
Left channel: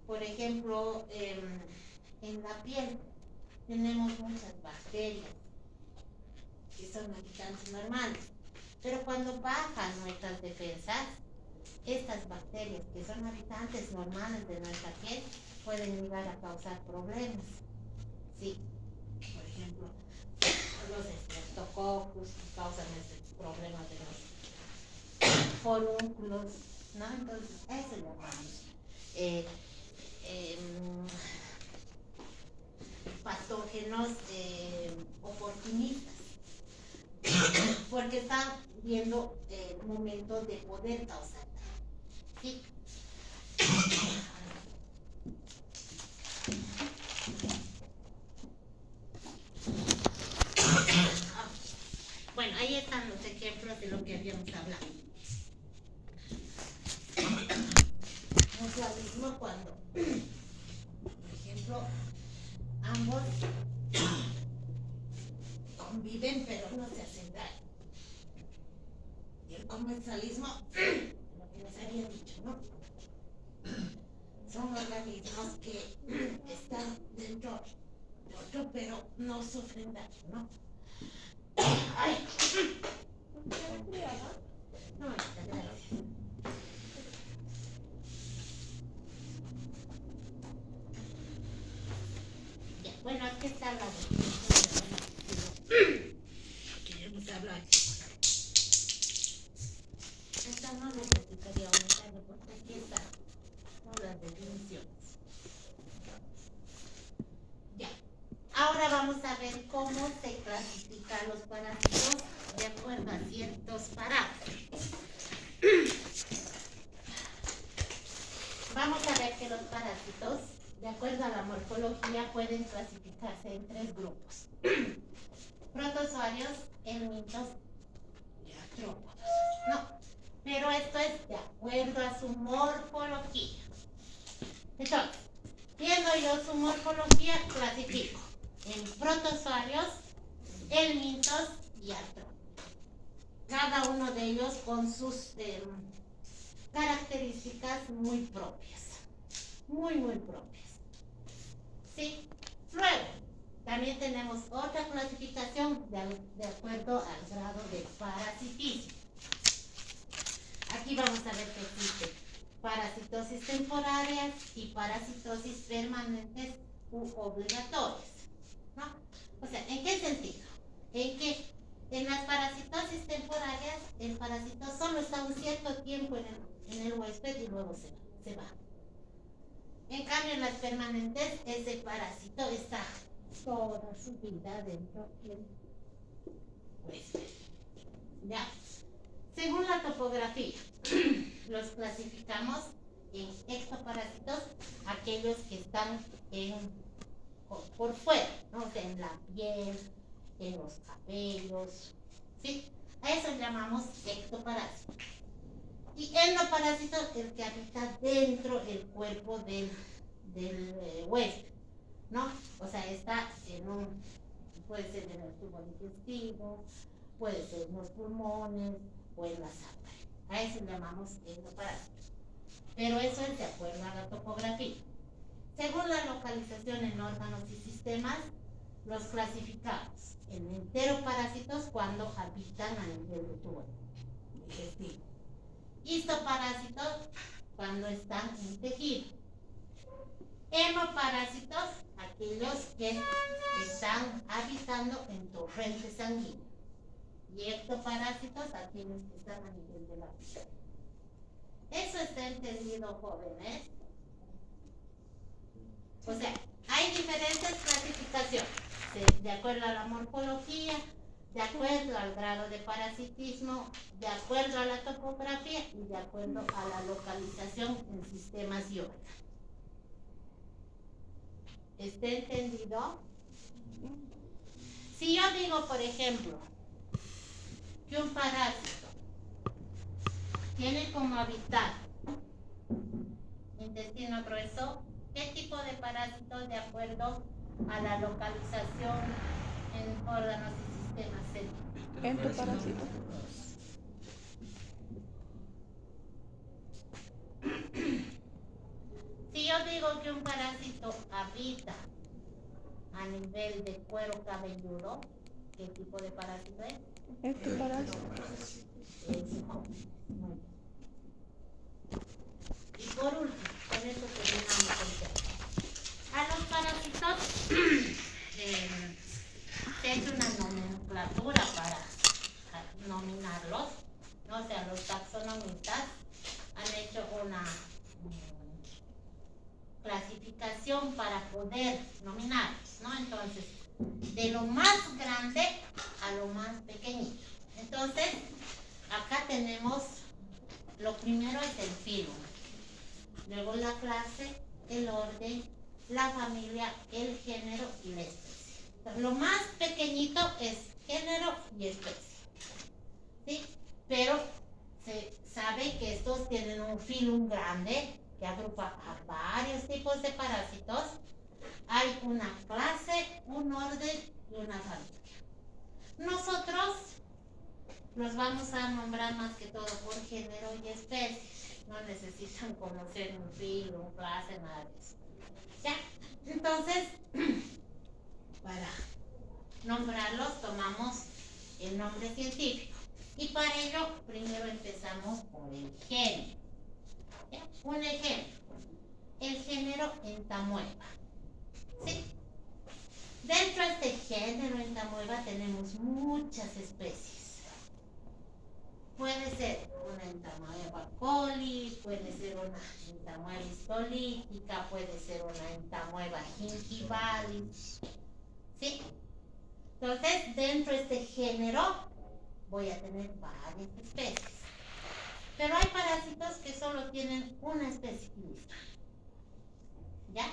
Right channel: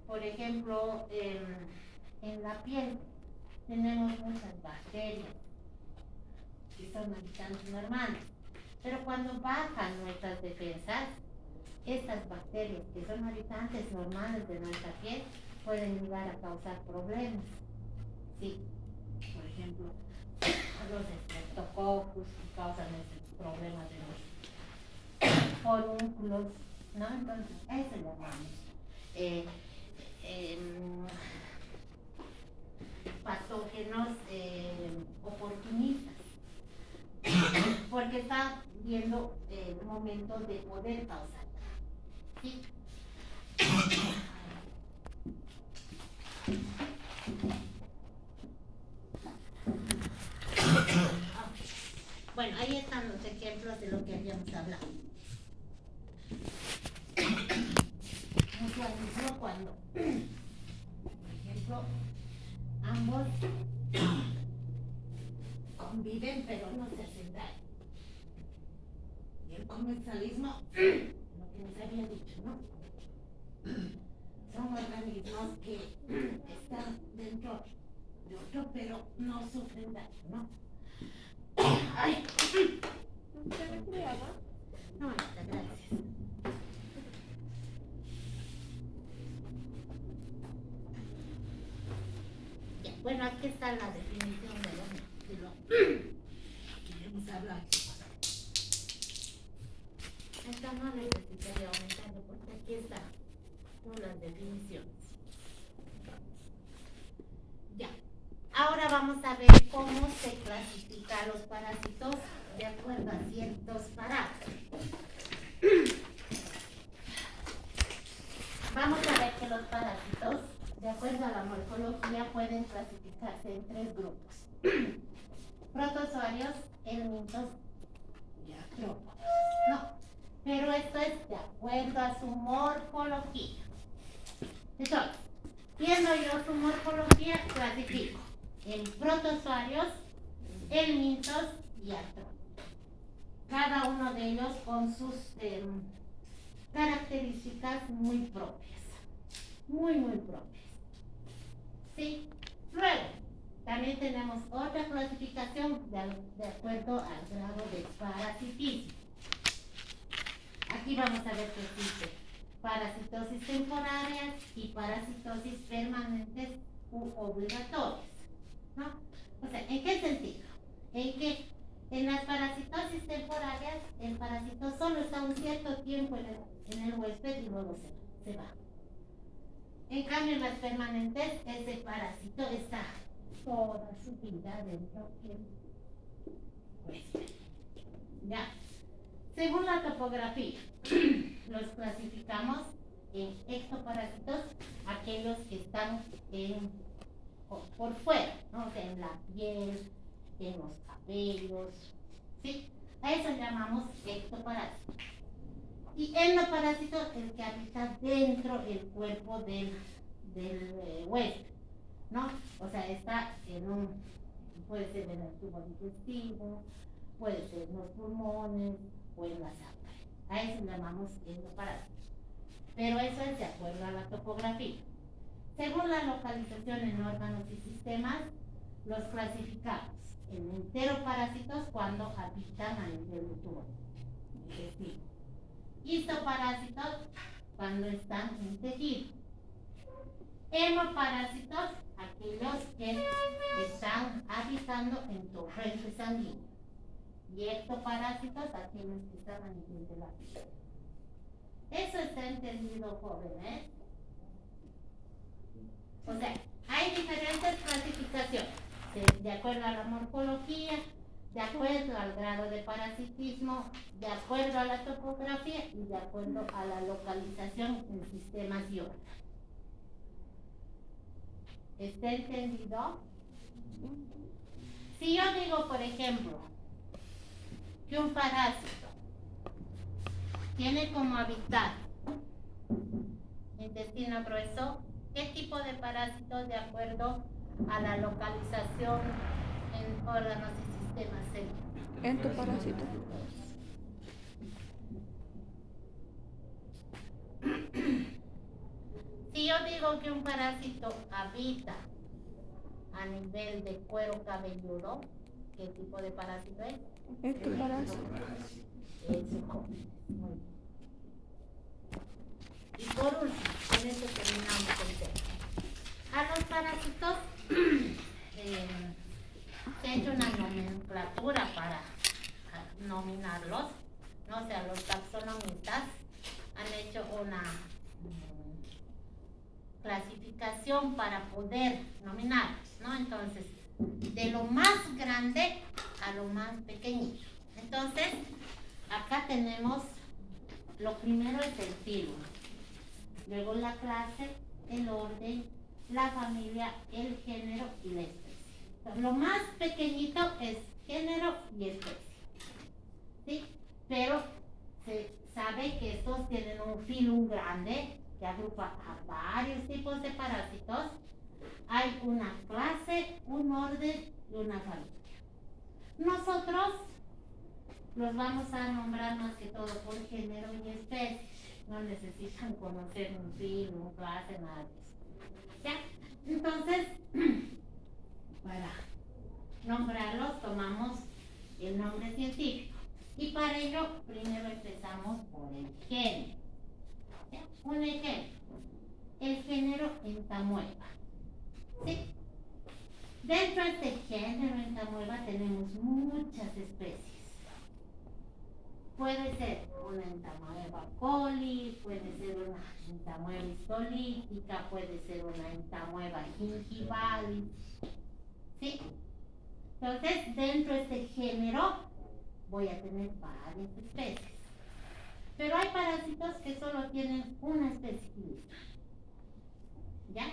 Por ejemplo, en la piel tenemos muchas bacterias que son habitantes normales, pero cuando bajan nuestras defensas, estas bacterias que son habitantes normales de nuestra piel pueden llegar a causar problemas. Sí, por ejemplo, los estreptococcus que causan este problema de los forúnculos, ¿no? Entonces, eso llamamos patógenos oportunistas, porque está viendo el momento de poder causar. ¿Sí? Bueno, ahí están los ejemplos de lo que habíamos hablado. Mutualismo cuando, por ejemplo, ambos conviven pero no se hacen daño. Y el comensalismo, lo que les había dicho, ¿no? Son organismos que están dentro de otro pero no sufren daño, ¿no? ¡Ay! No, gracias. Ya, bueno, aquí está la definición de queremos hablar. Esta no necesitaría aumentarlo porque aquí están las definiciones. Ya. Ahora vamos a ver cómo se clasifican los parásitos de acuerdo a ciertos parámetros. Vamos a ver que los parásitos, de acuerdo a la morfología, pueden clasificarse en 3 grupos. Protozoarios, helmintos y artrópodos. No, pero esto es de acuerdo a su morfología. Entonces, viendo yo su morfología, clasifico en protozoarios, helmintos y artrópodos. Cada uno de ellos con sus características muy propias. Muy propias. ¿Sí? Luego, también tenemos otra clasificación de acuerdo al grado de parasitismo. Aquí vamos a ver que existe parasitosis temporarias y parasitosis permanentes u obligatorias, ¿no? O sea, ¿en qué sentido? En que en las parasitosis temporarias el parásito solo está un cierto tiempo en el huésped y luego se va. En cambio, en las permanentes, ese parásito está toda su vida dentro del huésped. ¿Ya? Según la topografía, los clasificamos en ectoparásitos, aquellos que están por fuera, ¿no? O sea, en la piel, en los cabellos, ¿sí? A eso llamamos ectoparásito. Y endoparásito, el que habita dentro del cuerpo del huésped, ¿no? O sea, está puede ser en el tubo digestivo, puede ser en los pulmones o en la sangre. A eso llamamos endoparásito. Pero eso es de acuerdo a la topografía. Según la localización en órganos y sistemas, los clasificamos en enteroparásitos cuando habitan a nivel de tubo digestivo. Histoparásitos cuando están en tejido. Hemoparásitos, aquellos que están habitando en torrente sanguíneo. Y ectoparásitos, aquellos que están a nivel de la piel. ¿Eso está entendido, jóvenes? O sea, hay diferentes clasificaciones, de acuerdo a la morfología, de acuerdo al grado de parasitismo, de acuerdo a la topografía y de acuerdo a la localización en sistemas y órganos. ¿Está entendido? Si yo digo, por ejemplo, que un parásito tiene como hábitat intestino grueso, ¿qué tipo de parásitos de acuerdo a la localización en órganos y sistemas celulares? Entoparásito. Si yo digo que un parásito habita a nivel de cuero cabelludo, ¿qué tipo de parásito es? Ectoparásito. Eso. Muy bien. Y por último, con esto terminamos el tema. A los parásitos se ha hecho una nomenclatura para nominarlos, ¿no? O sea, los taxonomistas han hecho una clasificación para poder nominarlos, ¿no? Entonces, de lo más grande a lo más pequeñito. Entonces, acá tenemos, lo primero es el filo, luego la clase, el orden, la familia, el género y la especie. Entonces, lo más pequeñito es género y especie, ¿sí? Pero se sabe que estos tienen un filum grande que agrupa a varios tipos de parásitos. Hay una clase, un orden y una familia. Nosotros los vamos a nombrar más que todo por género y especie. No necesitan conocer un filum, clase, nada de eso. ¿Ya? Entonces, para nombrarlos tomamos el nombre científico. Y para ello, primero empezamos por el género. ¿Ya? Un ejemplo, el género Entamueba. ¿Sí? Dentro de este género Entamueba tenemos muchas especies. Puede ser una Entamueba coli, puede ser una Entamueba histolítica, puede ser una Entamueba gingivalis. ¿Sí? Entonces, dentro de este género voy a tener varias especies. Pero hay parásitos que solo tienen una especie y listo. ¿Ya?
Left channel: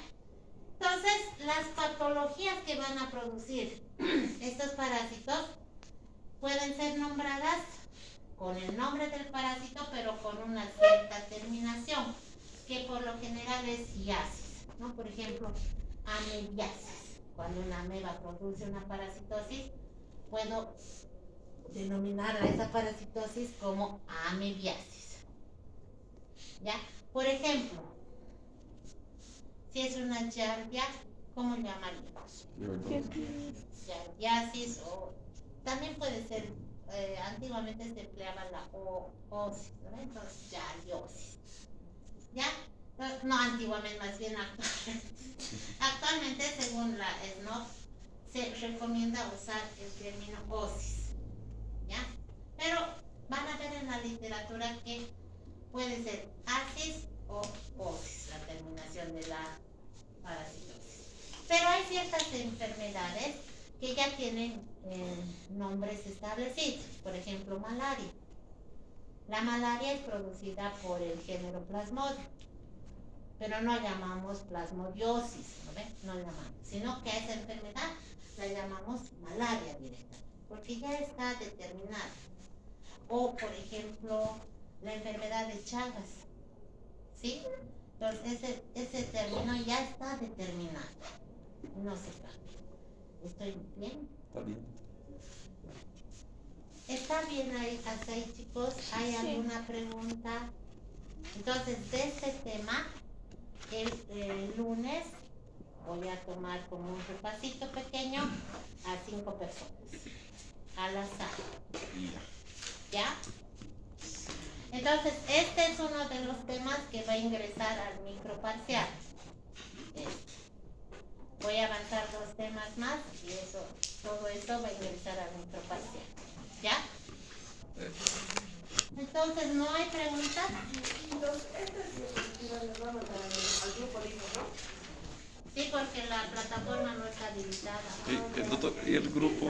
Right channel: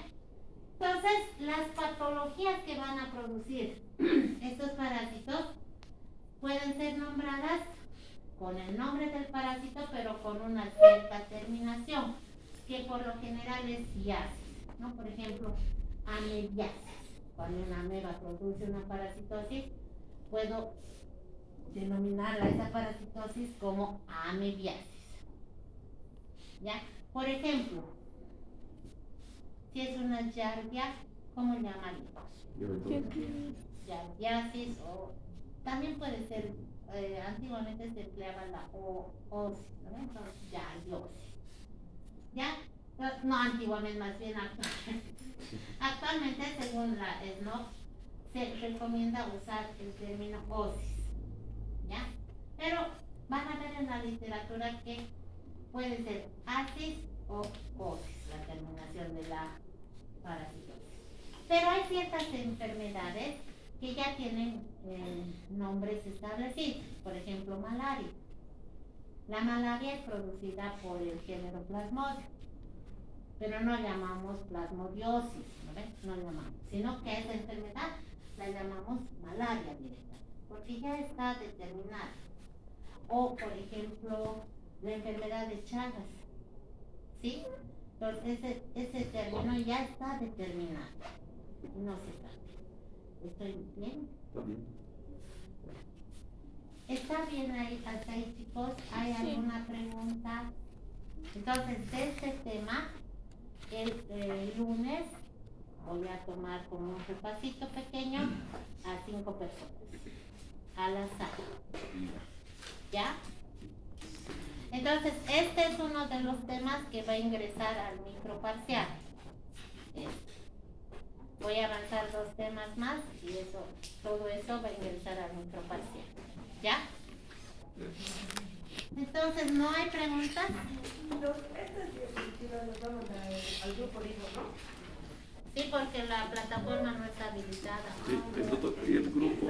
Entonces, las patologías que van a producir estos parásitos pueden ser nombradas con el nombre del parásito, pero con una cierta terminación, que por lo general es iasis, ¿no? Por ejemplo, amebiasis. Cuando una ameba produce una parasitosis, puedo denominarla esa parasitosis como amebiasis. ¿Ya? Por ejemplo, si es una giardia, ¿cómo llamaríamos? Giardiasis, o también puede ser, antiguamente se empleaba la oosis, ¿no? Entonces, giardiosis. ¿Ya? No antiguamente, más bien actualmente. Actualmente, según la SNOP, se recomienda usar el término oosis. ¿Ya? Pero van a ver en la literatura que puede ser asis o oosis, la terminación de la parasitosis. Pero hay ciertas enfermedades que ya tienen nombres establecidos. Por ejemplo, malaria. La malaria es producida por el género Plasmodium, pero no llamamos plasmodiosis, ¿no ven? No llamamos, sino que a esa enfermedad la llamamos malaria directa, porque ya está determinada. O, por ejemplo, la enfermedad de Chagas, ¿sí? Entonces ese término ya está determinado. No se trata. ¿Estoy bien? Está bien. ¿Está bien ahí, hasta ahí, chicos? ¿Hay alguna pregunta? Entonces, de este tema, el lunes voy a tomar como un repasito pequeño a 5 personas, al azar. ¿Ya? Entonces, este es uno de los temas que va a ingresar al microparcial. Voy a avanzar 2 temas más y todo esto va a ingresar al microparcial. ¿Ya? Entonces, ¿no hay preguntas? Estas diapositivas las vamos al grupo libre, ¿no? Sí, porque la plataforma no está habilitada. Sí, el doctor, ¿y el grupo?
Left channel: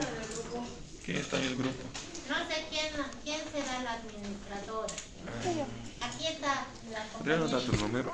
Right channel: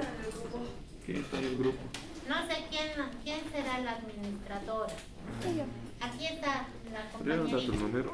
¿Quién está en el grupo? No sé quién será la administradora. Aquí está la ¿Ya nos da tu compañera. número?